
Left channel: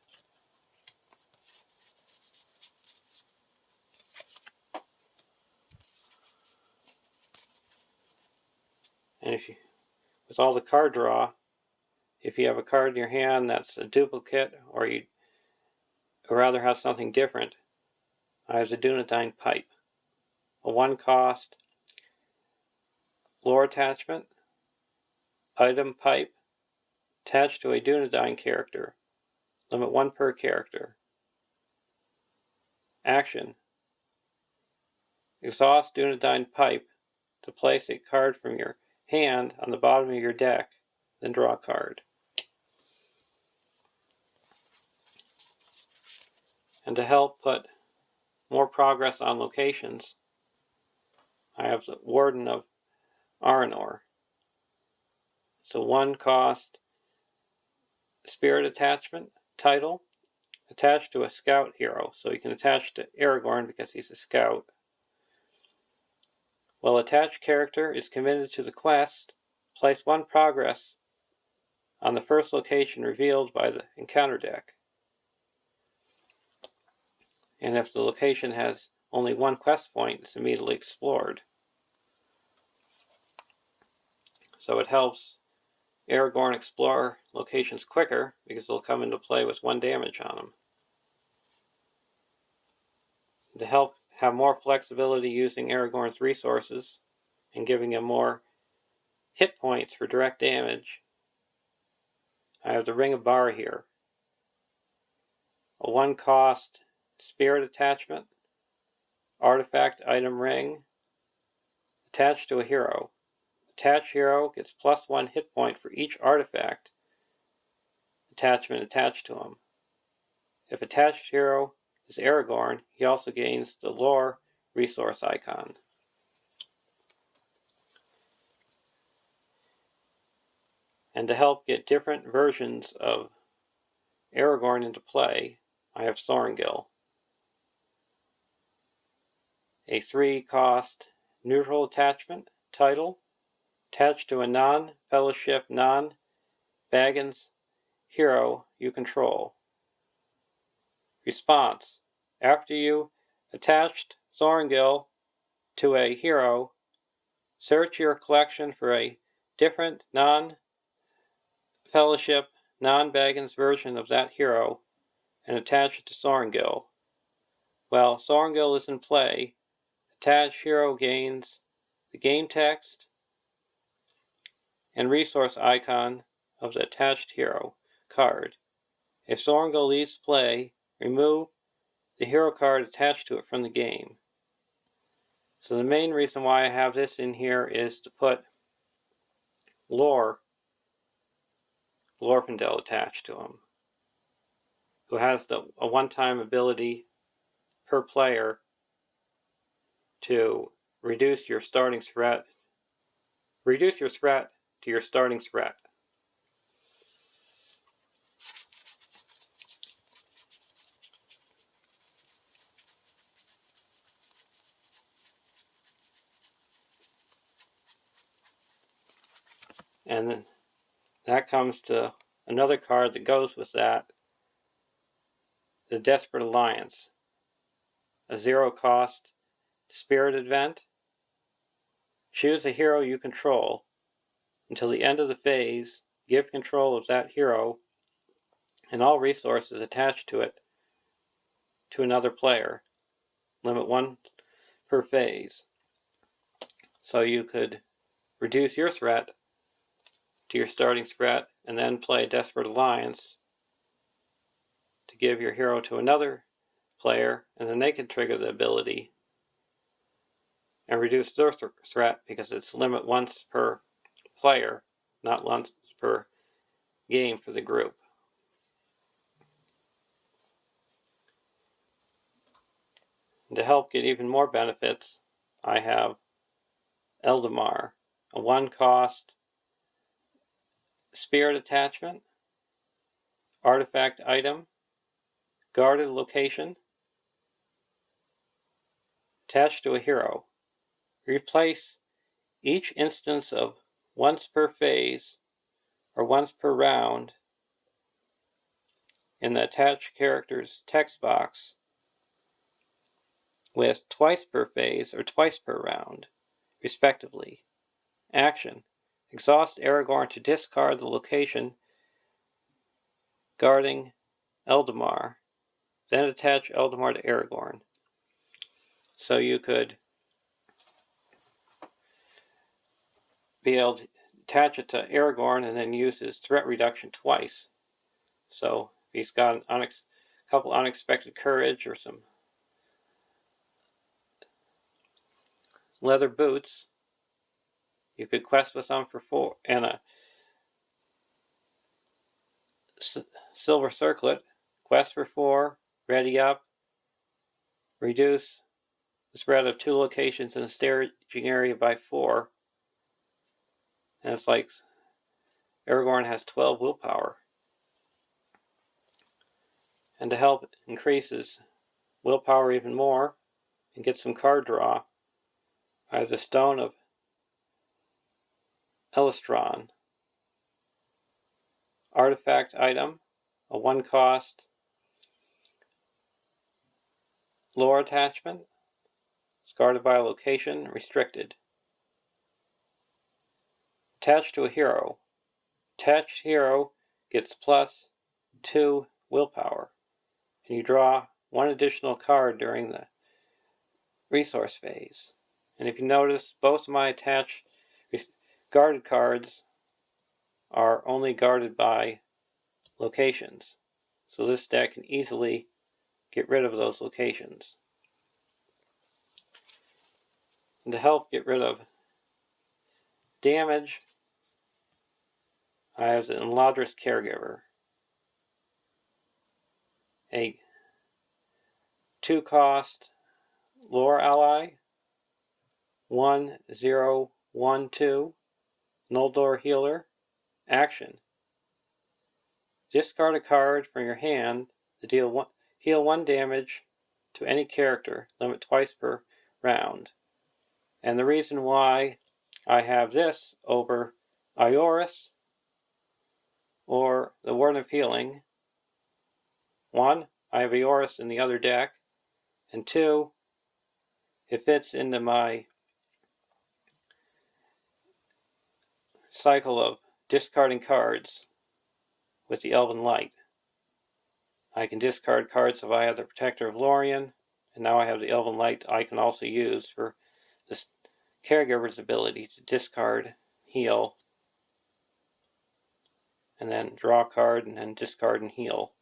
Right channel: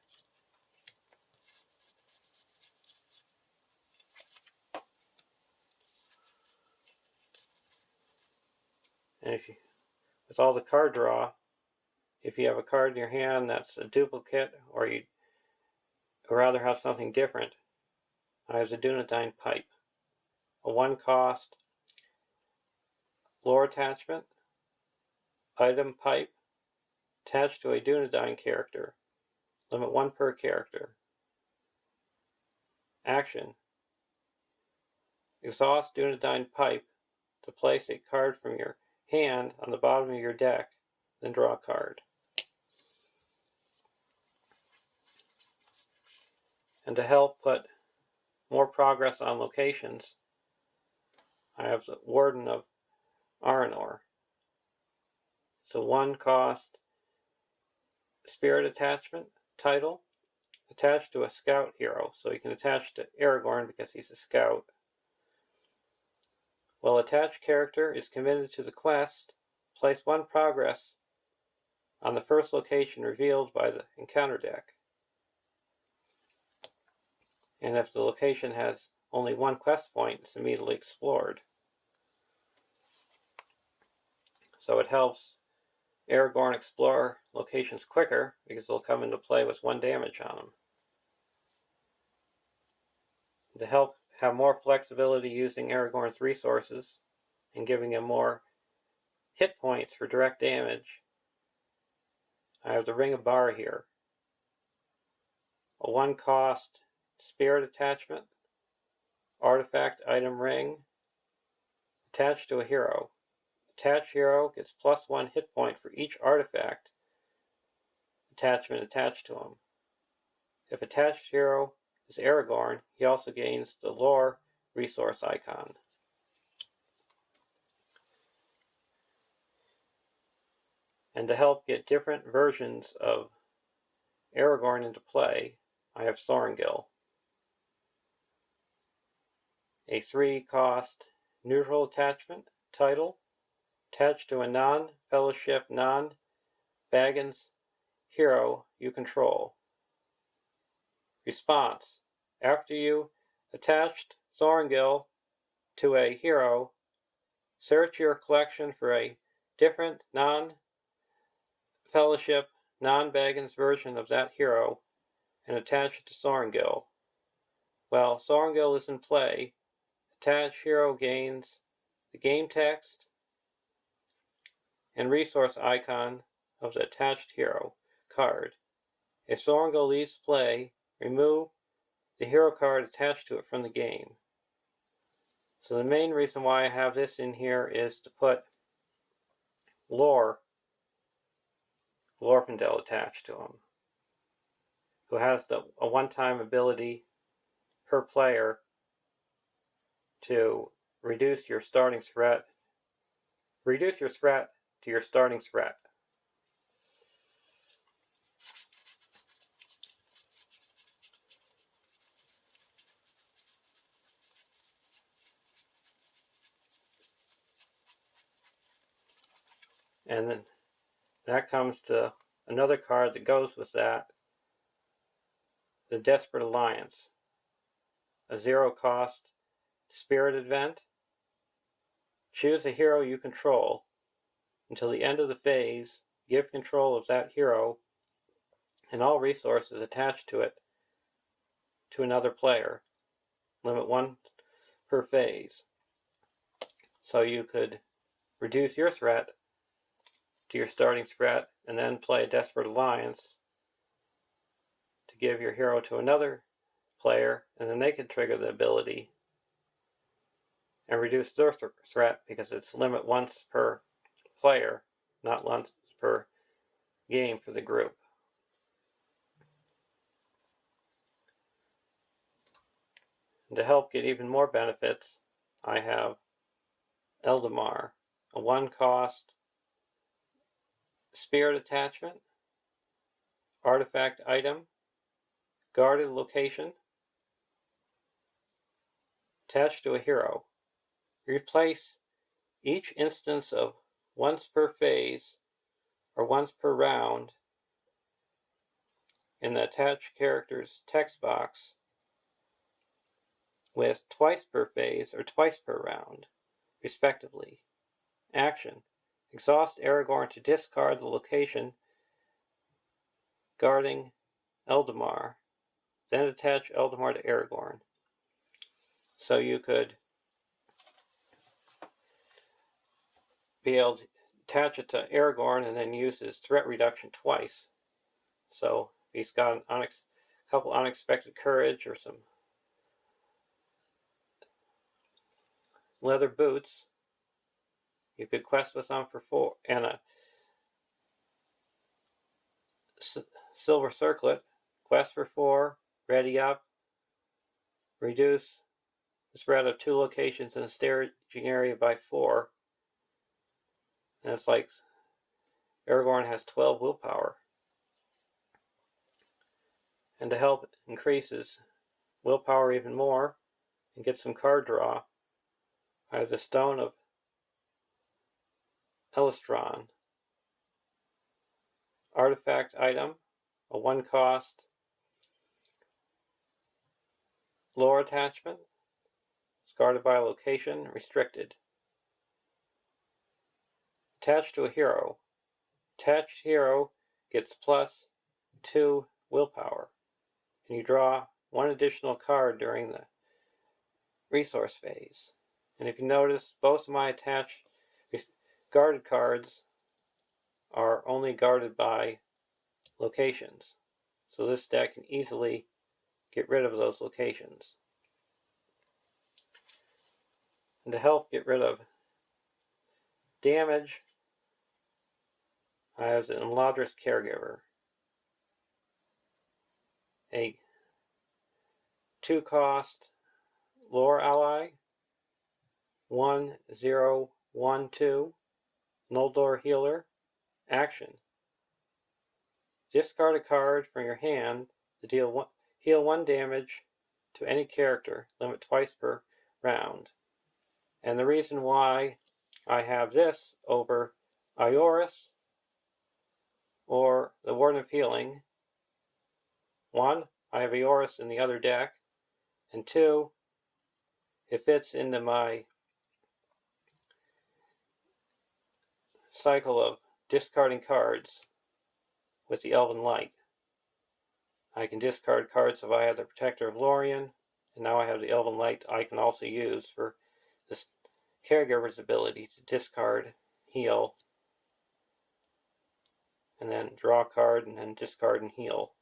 And with all the card draw, if you have a card in your hand that's a duplicate, or you'd rather have something different, I have the Dunedain Pipe, a 1 cost lore attachment, item pipe, attached to a Dunedain character. Limit 1 per character. Action: exhaust Dunedain Pipe to place a card from your hand on the bottom of your deck, then draw a card. And to help put more progress on locations, I have the Warden of Aranor. It's a 1 cost spirit attachment title attached to a scout hero, so you can attach to Aragorn because he's a scout. While attached character is committed to the quest, place 1 progress on the first location revealed by the encounter deck. And if the location has only 1 quest point, it's immediately explored. So it helps Aragorn explore locations quicker because they'll come into play with 1 damage on them. To help have more flexibility using Aragorn's resources and giving him more hit points for direct damage, I have the Ring of Barahir, a 1 cost spirit attachment, artifact item ring, attached to a hero. Attached hero gets plus 1 hit point for each artifact attachment attached to him. If attached hero is Aragorn, he also gains the lore resource icon. And to help get different versions of Aragorn into play, I have Thorngil, a 3 cost neutral attachment title attached to a non-fellowship, non-Baggins hero you control. Response: after you attached Thorngil to a hero, search your collection for a different non-fellowship, non-Baggins version of that hero and attach it to Thorngil. While Thorngil is in play, attached hero gains the game text and resource icon of the attached hero card. If Thorngil leaves play, remove the hero card attached to it from the game. So the main reason why I have this in here is to put Glorfindel attached to him, who has a 1-time ability per player to reduce your starting threat. Reduce your threat to your starting threat. And then that comes to another card that goes with that, the Desperate Alliance, a 0-cost spirit event. Choose a hero you control. Until the end of the phase, give control of that hero and all resources attached to it to another player. Limit 1 per phase. So you could reduce your threat to your starting threat and then play a Desperate Alliance to give your hero to another player, and then they can trigger the ability and reduce their threat because it's limit once per player, not once per game for the group. And to help get even more benefits, I have Eldamar, a 1-cost spirit attachment, artifact item, guarded location, attached to a hero. Replace each instance of once per phase or once per round in the attached character's text box with twice per phase or twice per round, respectively. Action: exhaust Aragorn to discard the location guarding Eldamar, then attach Eldamar to Aragorn. So you could be able to attach it to Aragorn and then use his threat reduction twice. So if he's got a couple unexpected courage or some leather boots, you could quest with them for 4, and a silver circlet, quest for 4, ready up, reduce the spread of 2 locations in the staging area by 4, and it's like Aragorn has 12 willpower. And to help increase his willpower even more and get some card draw, I have the Stone of Elistron, artifact item, a 1-cost lore attachment. It's guarded by a location, restricted. Attached to a hero. Attached hero gets +2 willpower, and you draw 1 additional card during the resource phase. And if you notice, both of my attached guarded cards are only guarded by locations. So this deck can easily get rid of those locations. And to help get rid of damage, I have the Eladris Caregiver, a 2-cost lore ally, 1/0/1/2, Noldor healer. Action: discard a card from your hand to heal 1 damage to any character, limit twice per round. And the reason why I have this over Eorl or the Warden of Healing, 1, I have Eorl in the other deck, and 2, it fits into my cycle of discarding cards with the Elven Light. I can discard cards if I have the Protector of Lorien, and now I have the Elven Light I can also use for this Caregiver's ability to discard, heal, and then draw a card and then discard and heal.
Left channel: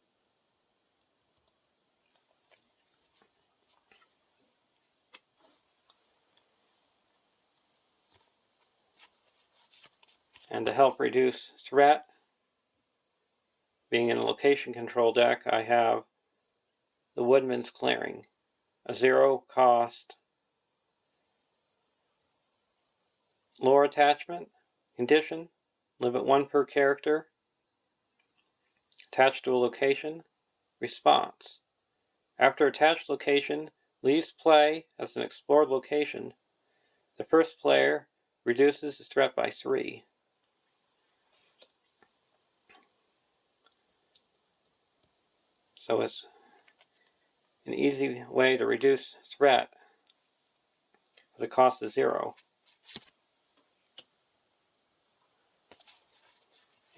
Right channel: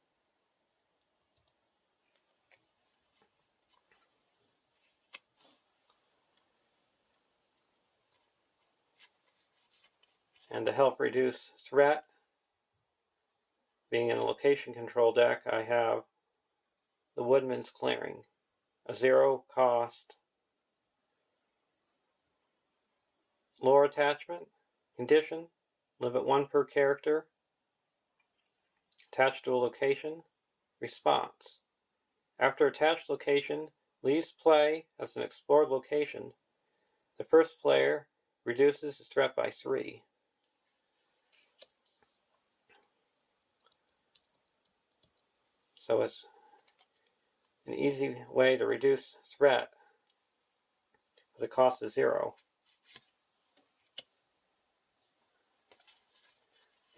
And to help reduce threat, being in a location control deck, I have the Woodman's Clearing, a 0-cost lore attachment, condition, limit 1 per character, attached to a location, response. After attached location leaves play as an explored location, the first player reduces the threat by 3. So it's an easy way to reduce threat at the cost of 0.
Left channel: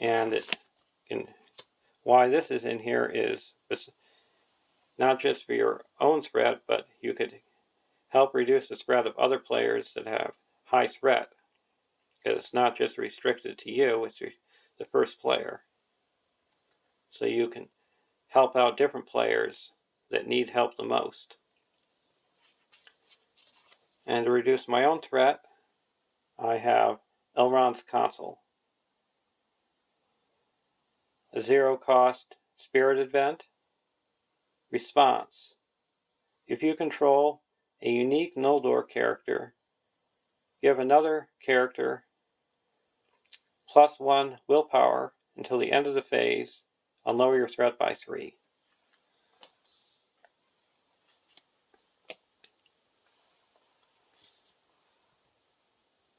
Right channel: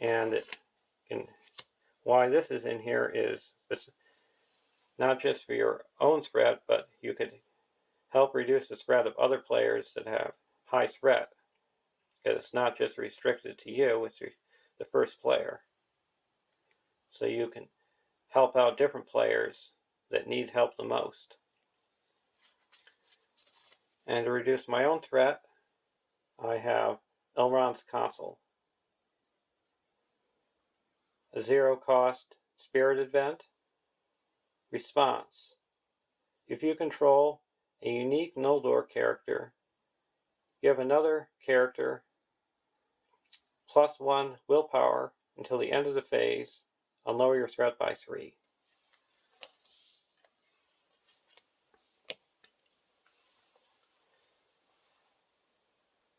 And why this is in here is it's not just for your own threat, but you could help reduce the threat of other players that have high threat, because it's not just restricted to you, it's the first player. So you can help out different players that need help the most. And to reduce my own threat, I have Elrond's Console, a 0-cost spirit event. Response. If you control a unique Noldor character, give another character +1 willpower until the end of the phase and lower your threat by 3.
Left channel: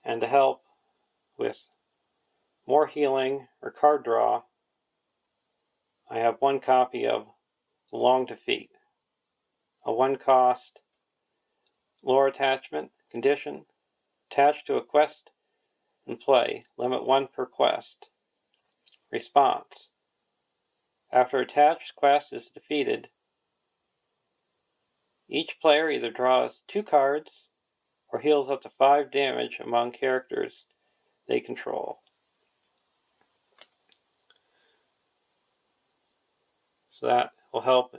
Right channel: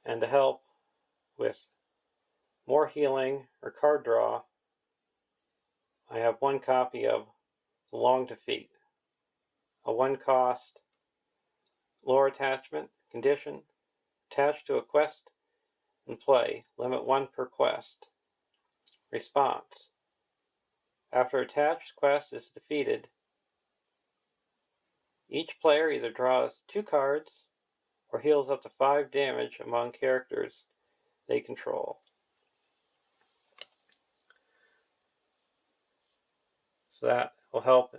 And to help with more healing or card draw, I have 1 copy of Long Defeat, a 1-cost lore attachment condition attached to a quest and play, limit 1 per quest. Response. After attached quest is defeated, each player either draws 2 cards or heals up to 5 damage among characters they control. So that will help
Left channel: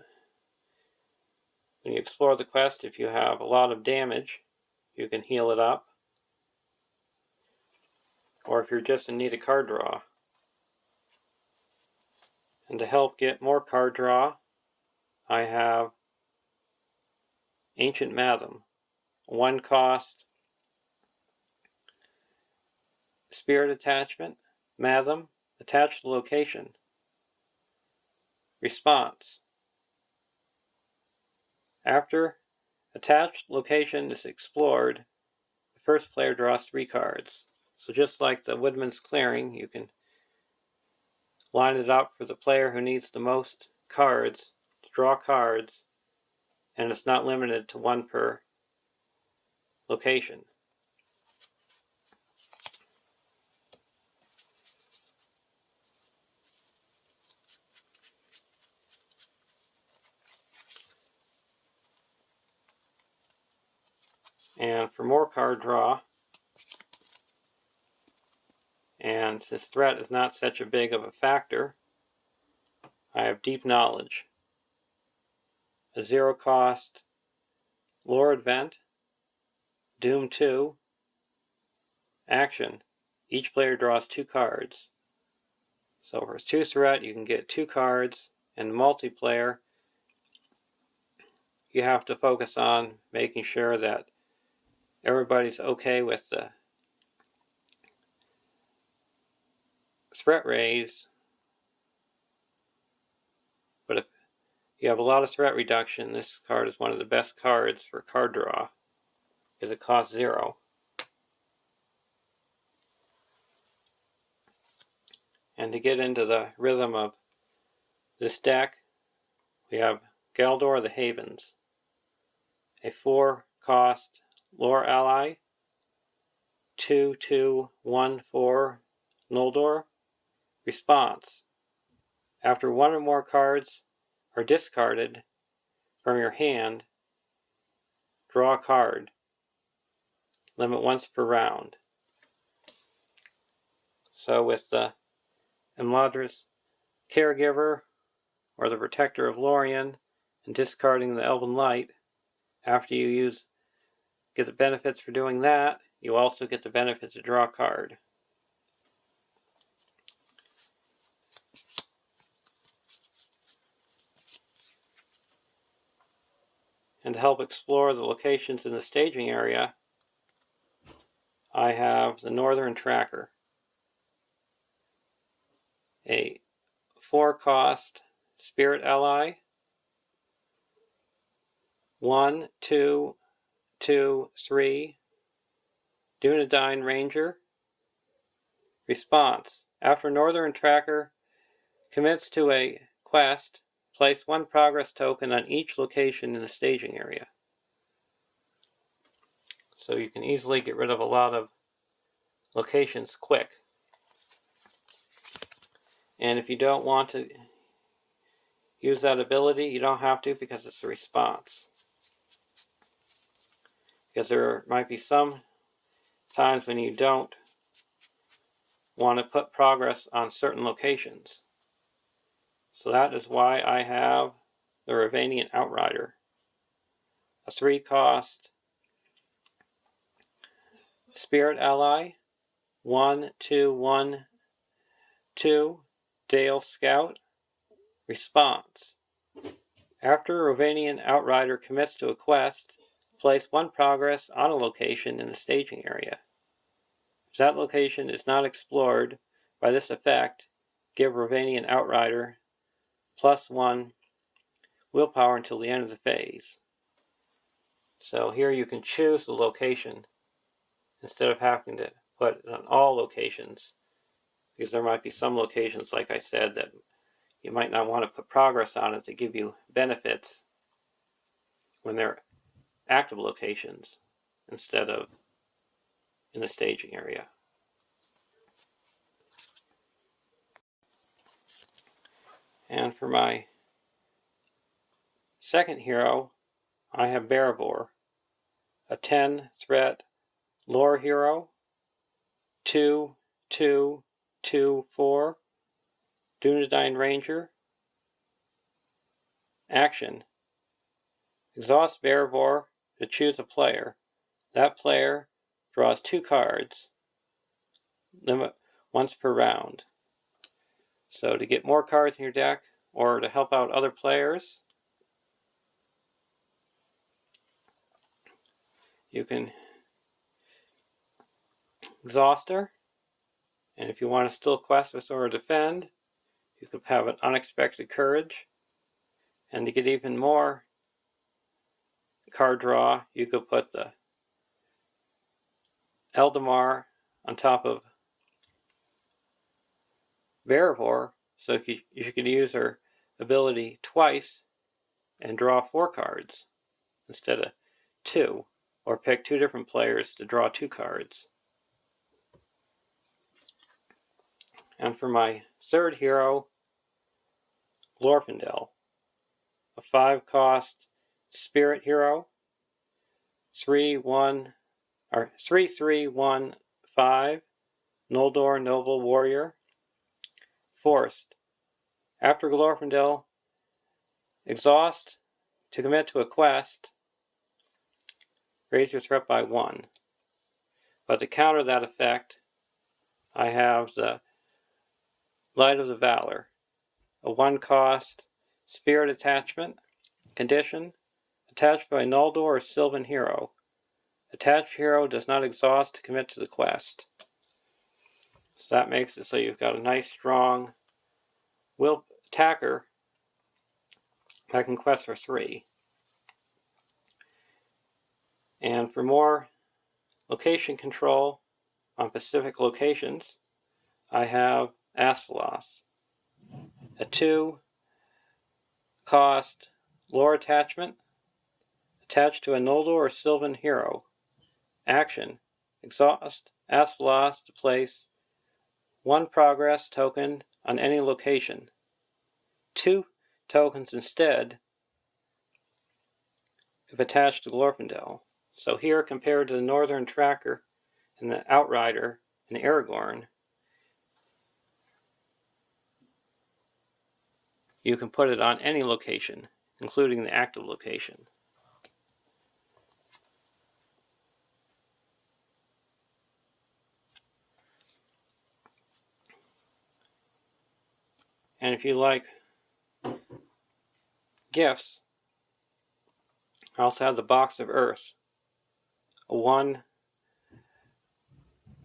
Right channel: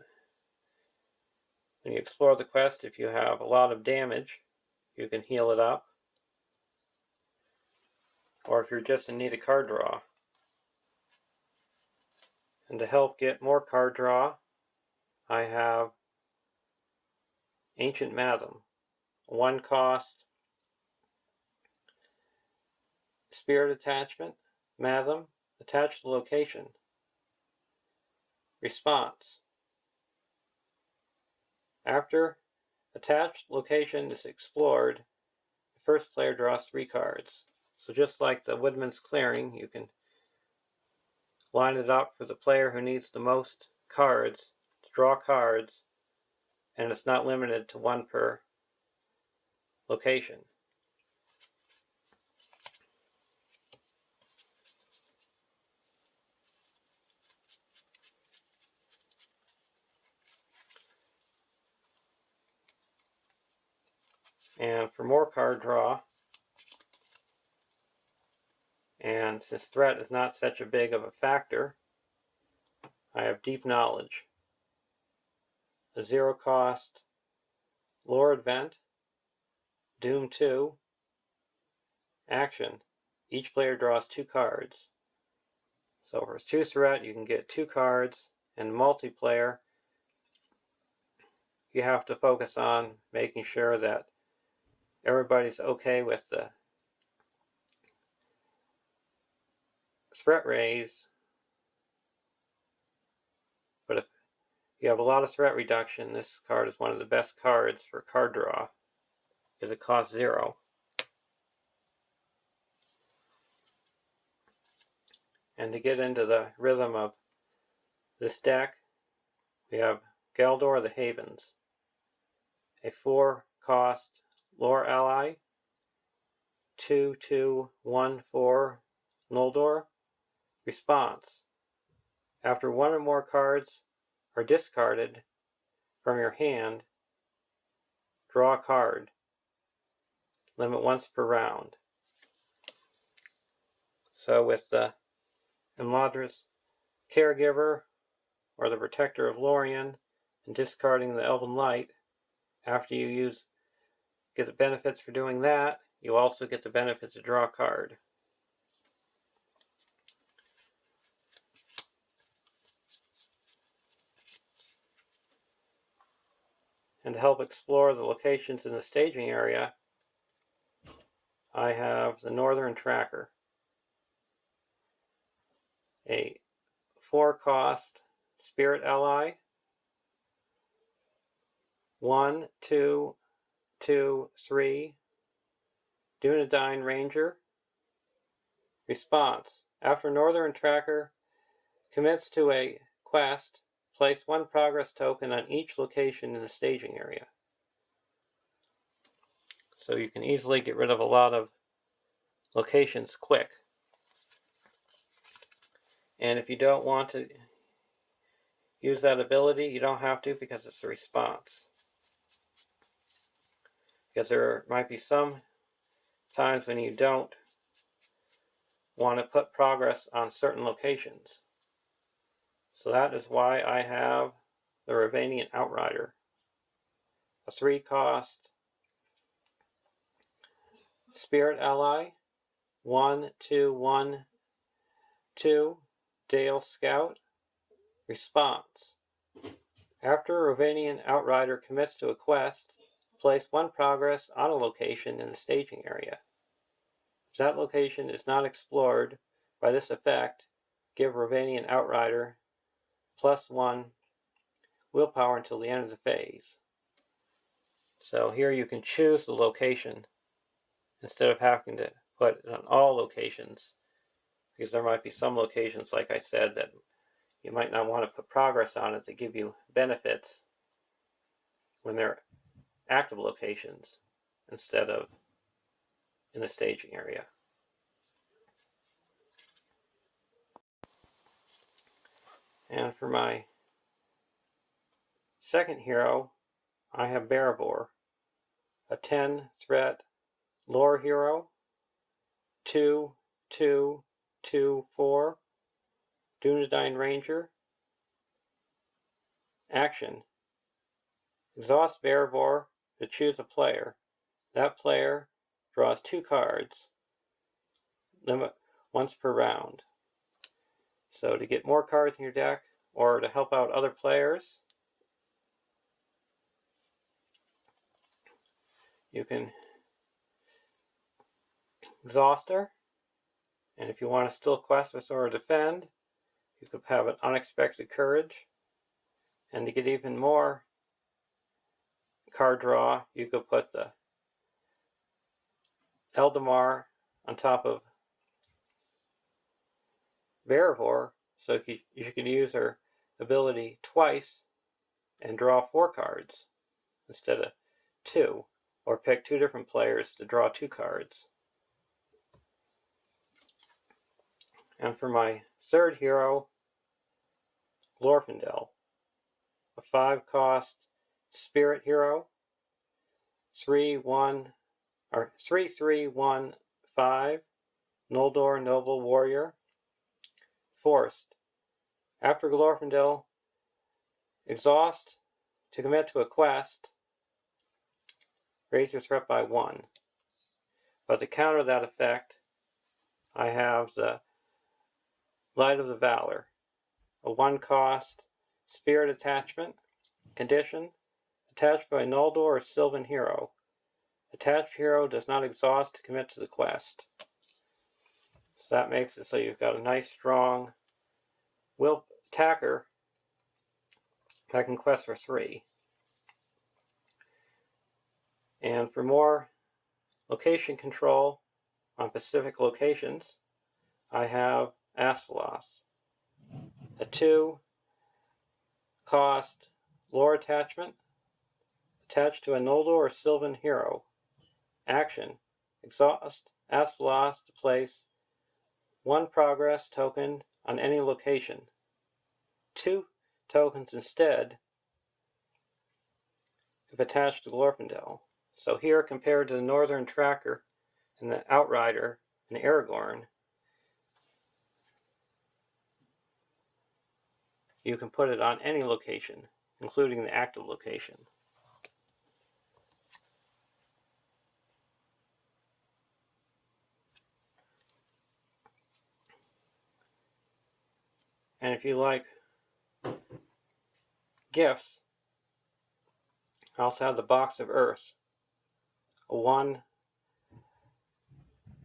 when you explore the quest. If you have a lot of damage, you can heal it up. Or if you're just in need of card draw. And to help get more card draw, I have Ancient Matham, 1-cost spirit attachment, Matham, attached to location. Response. After attached location is explored, the first player draws 3 cards. So just like the Woodman's Clearing, you can line it up for the player who needs the most cards to draw cards, and it's not limited to 1 per location. And for more card draw, and since threat is not such a big of a factor, I have Deep Knowledge, a 0-cost lore event, Doom 2, action. Each player draws 2 cards. So for 2 threat, you can get 2 cards, and multiplayer, you have to focus on making sure that everybody's okay with the threat raise. But if you have a lot of threat reduction, this card is one of the best cards for card draw, because it costs 0. And to get into the rhythm of this deck, we have Galdor the Havens, a 4-cost lore ally, 2/2/1/4 Noldor. Response. After 1 or more cards are discarded from your hand, draw a card. Limit once per round. So with the Imladra's Caregiver or the Protector of Lorien and discarding the Elven Light, after you get the benefits for doing that, you also get the benefit to draw a card. And to help explore the locations in the staging area, I have the Northern Tracker, a 4-cost Spirit Ally, 1, 2, 2, 3, Dunedain Ranger. Response: after Northern Tracker commits to a quest, place 1 progress token on each location in the staging area. So you can easily get rid of a lot of locations quick. And if you don't want to use that ability, you don't have to, because it's a response. Because there might be some times when you don't want to put progress on certain locations. So that is why I have the Ravanian Outrider, a 3-cost Spirit Ally, 1, 2, 1, 2, Dale Scout. Response: after a Ravanian Outrider commits to a quest, place 1 progress on a location in the staging area. If that location is not explored by this effect, give Ravanian Outrider +1 willpower until the end of the phase. So here you can choose the location instead of having to put it on all locations, because there might be some locations, like I said, that you might not want to put progress on it to give you benefits when they're active locations instead of in the staging area. And for my second hero, I have Bearvor, a 10-threat lore hero, 2, 2, 2, 4, Dunedain Ranger. Action: exhaust Bearvor to choose a player. That player draws 2 cards, limit once per round. So to get more cards in your deck, or to help out other players, you can exhaust her. And if you want to still quest with or defend, you could have an Unexpected Courage. And to get even more card draw, you could put the Eldamar on top of Bearvor, so you can use her ability twice and draw 4 cards instead of 2, or pick 2 different players to draw 2 cards. And for my third hero, Glorfindel, a 5-cost spirit hero, 3, 1, or 3, 3, 1, 5, Noldor Noble Warrior. Forced: after Glorfindel exhaust to commit to a quest, raise your threat by 1. But to counter that effect, I have the Light of the Valor, a 1-cost spirit attachment. Condition: attached by a Noldor or Sylvan hero. Attached hero does not exhaust to commit to the quest. So that makes it so you've got a nice strong will attacker that can quest for 3. And for more location control on specific locations, I have Asphalos, a 2-cost lore attachment attached to a Noldor or Sylvan hero. Action: exhaust Asphalos to place 1 progress token on any location. 2 tokens instead if attached to Glorfindel. So here, compared to the Northern Tracker and the Outrider and Aragorn, you can put it on any location, including the active location. And if you like gifts, I also have the Box of Earth, a 1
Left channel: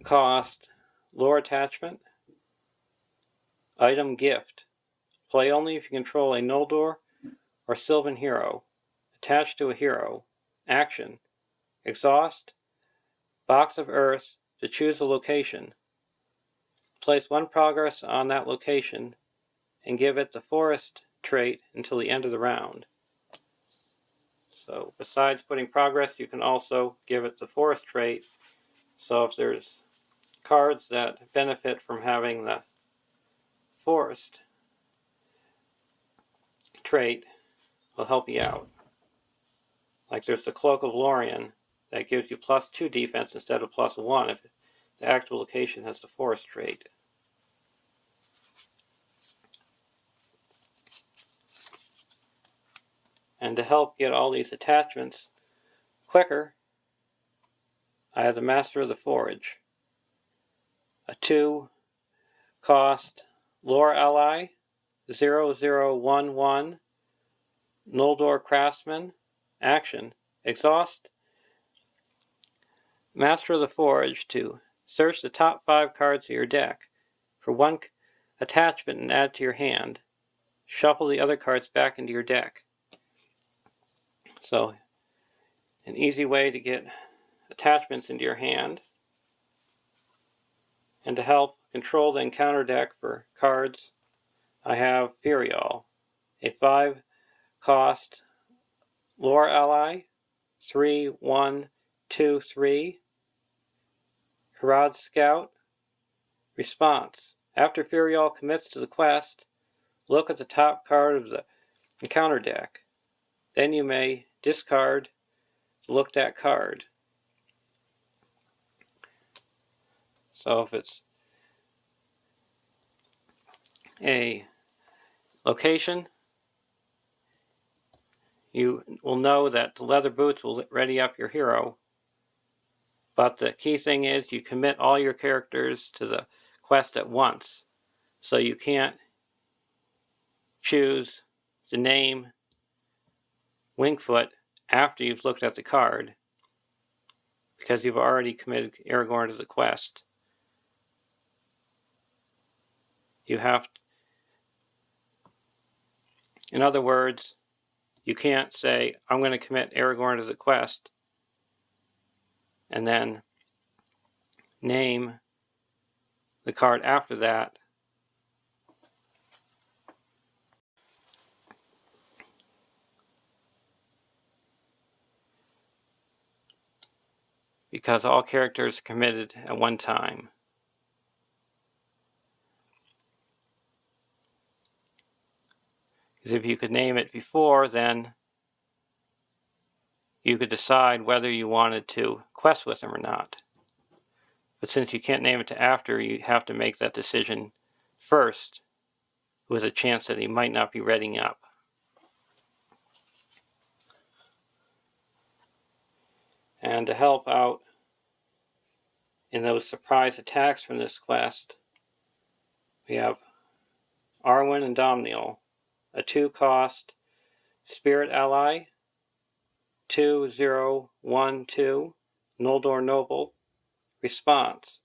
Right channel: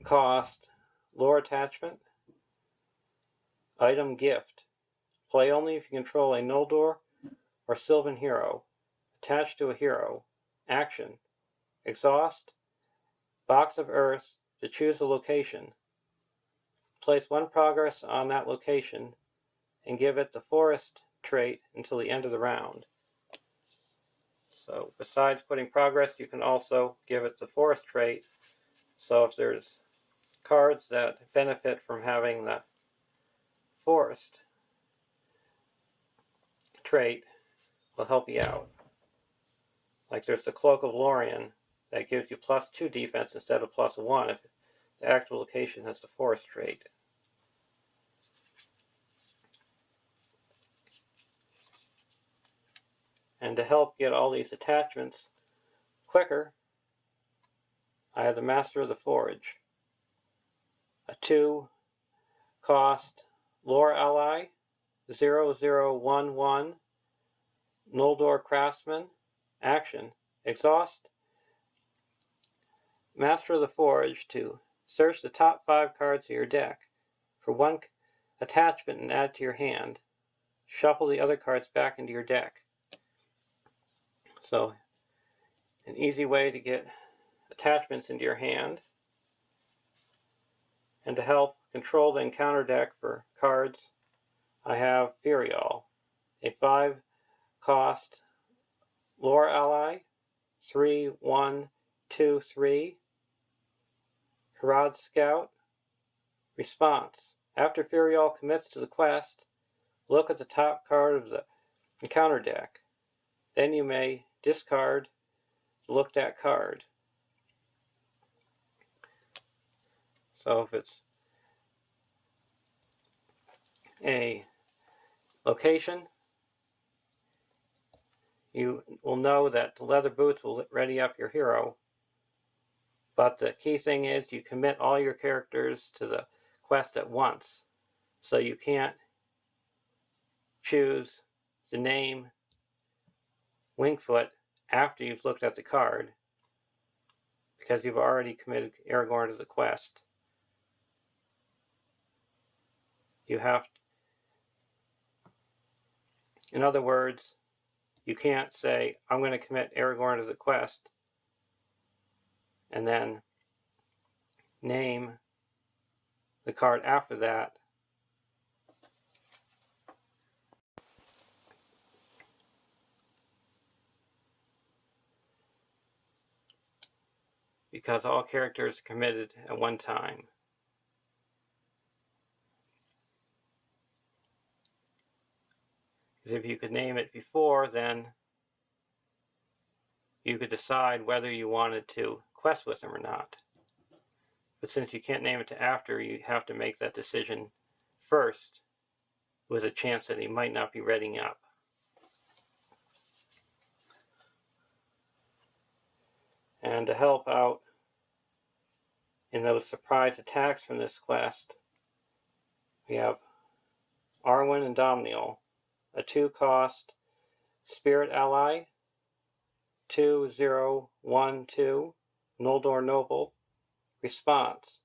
cost lore attachment. Item gift. Play only if you control a Noldor or Sylvan hero. Attached to a hero. Action. Exhaust. Box of Earth to choose a location. Place one progress on that location and give it the forest trait until the end of the round. So besides putting progress, you can also give it the forest trait. So if there's cards that benefit from having the forest trait, will help you out. Like there's the Cloak of Lorien that gives you +2 defense instead of +1 if the actual location has the forest trait. And to help get all these attachments quicker, I have the Master of the Forge. A 2 cost lore ally, 0011 Noldor Craftsman. Action. Exhaust Master of the Forge to search the top 5 cards of your deck for one attachment and add to your hand. Shuffle the other cards back into your deck. So, an easy way to get attachments into your hand. And to help control the encounter deck for cards, I have Eorl, a 5 cost lore ally, 3123 Harad Scout. Response. After Eorl commits to the quest, look at the top card of the encounter deck. Then you may discard the looked at card. So if it's a location, you will know that the leather boots will ready up your hero. But the key thing is you commit all your characters to the quest at once. So you can't choose the name Wingfoot after you've looked at the card, because you've already committed Aragorn to the quest. You have to, in other words, you can't say, I'm going to commit Aragorn to the quest, and then name the card after that. Because all characters are committed at one time. Because if you could name it before, then you could decide whether you wanted to quest with him or not. But since you can't name it to after, you have to make that decision first, with a chance that he might not be readying up. And to help out in those surprise attacks from this quest, we have Arwen and Domniel, a 2 cost spirit ally, 2012 Noldor Noble. Response.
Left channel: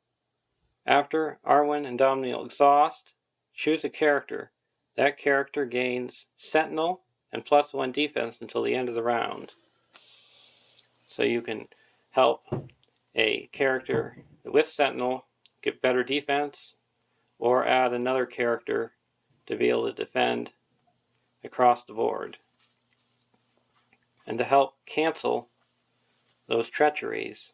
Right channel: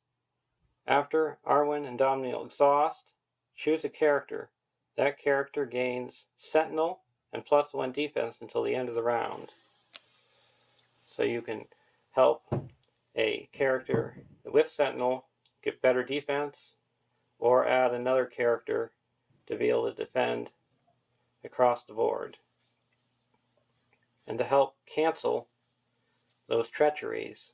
After Arwen and Domniel exhaust, choose a character. That character gains Sentinel and +1 defense until the end of the round. So you can help a character with Sentinel get better defense, or add another character to be able to defend across the board. And to help cancel those treacheries,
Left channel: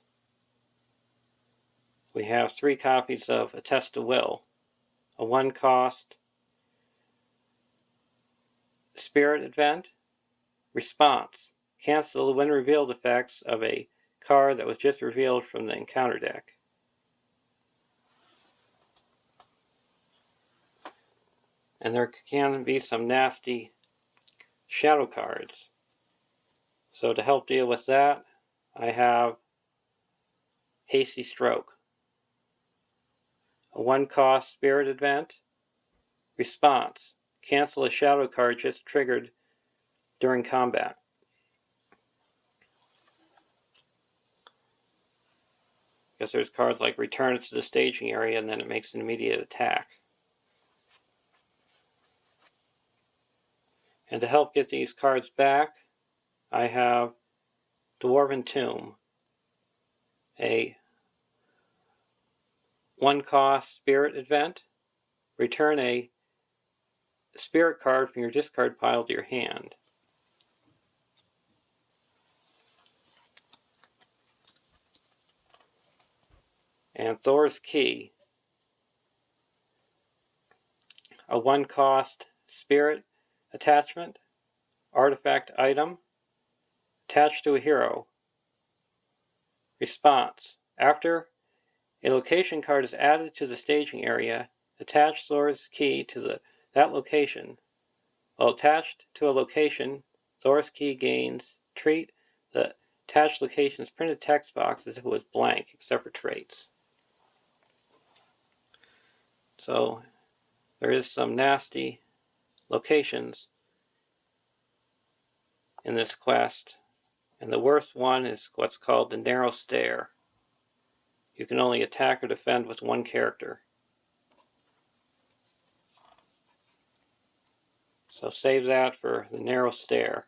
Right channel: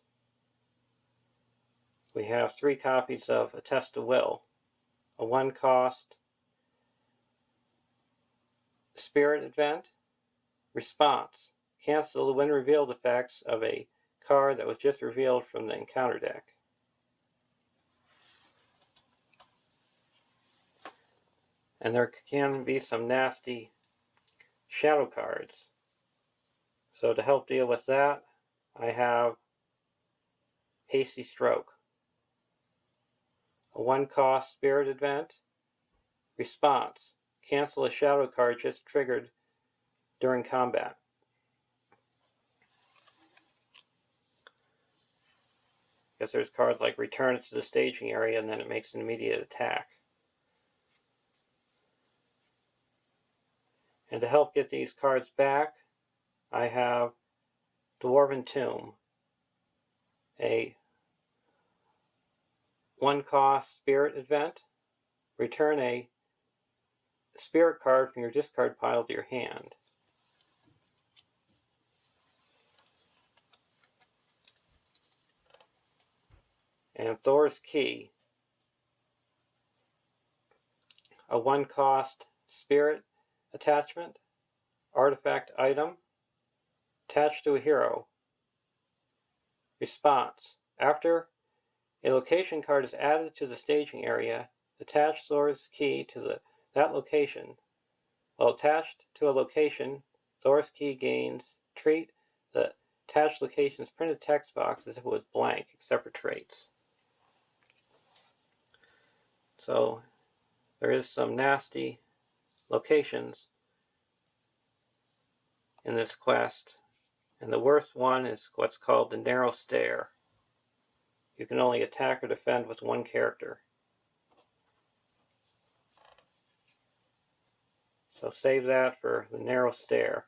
we have 3 copies of A Test of Will, a 1 cost spirit event. Response. Cancel the when revealed effects of a card that was just revealed from the encounter deck. And there can be some nasty shadow cards. So to help deal with that, I have Hasty Stroke, a 1 cost spirit event. Response. Cancel a shadow card just triggered during combat. because there's cards like return it to the staging area and then it makes an immediate attack. And to help get these cards back, I have Dwarven Tomb, a 1-cost spirit event. Return a spirit card from your discard pile to your hand. And Thor's Key, a 1-cost spirit attachment, artifact item, attached to a hero. Response: after a location card is added to the staging area, attach Thor's Key to that location. While attached to a location, Thor's Key gains treat the attached location's printed text box as if it was blank, except for traits. So there is some nasty locations in this quest, and the worst one is what's called the Narrow Stair. You can only attack or defend with one character. So save that for the Narrow Stair.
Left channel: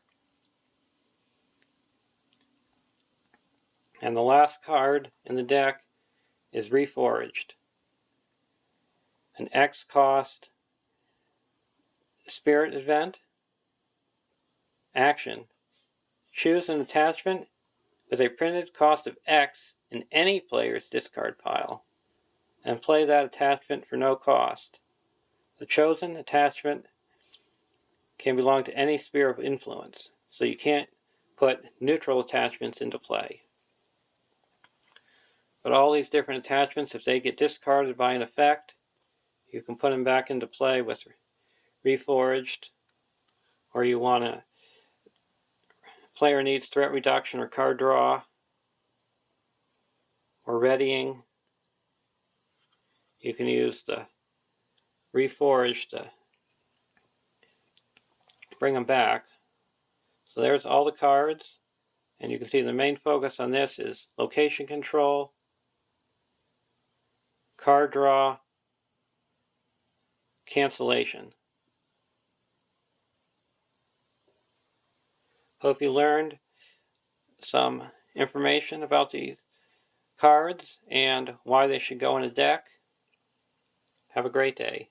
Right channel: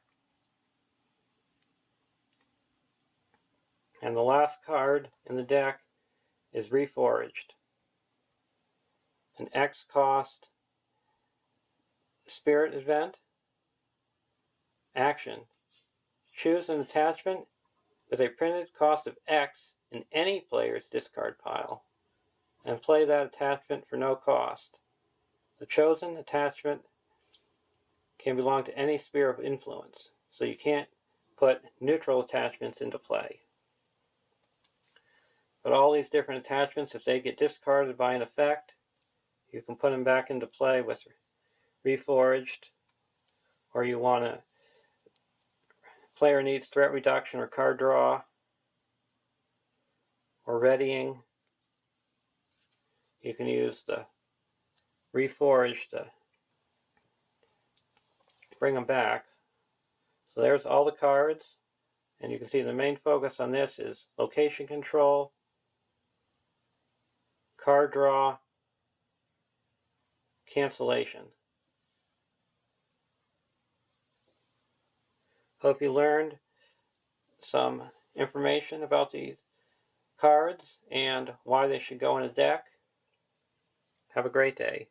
And the last card in the deck is Reforged, an X-cost spirit event. Action: choose an attachment with a printed cost of X in any player's discard pile, and play that attachment for no cost. The chosen attachment can belong to any sphere of influence, so you can't put neutral attachments into play. But all these different attachments, if they get discarded by an effect, you can put them back into play with Reforged, or you want to, player needs threat reduction or card draw, or readying. You can use the Reforged to bring them back. So there's all the cards, and you can see the main focus on this is location control, card draw, cancellation. Hope you learned some information about these cards and why they should go in a deck. Have a great day.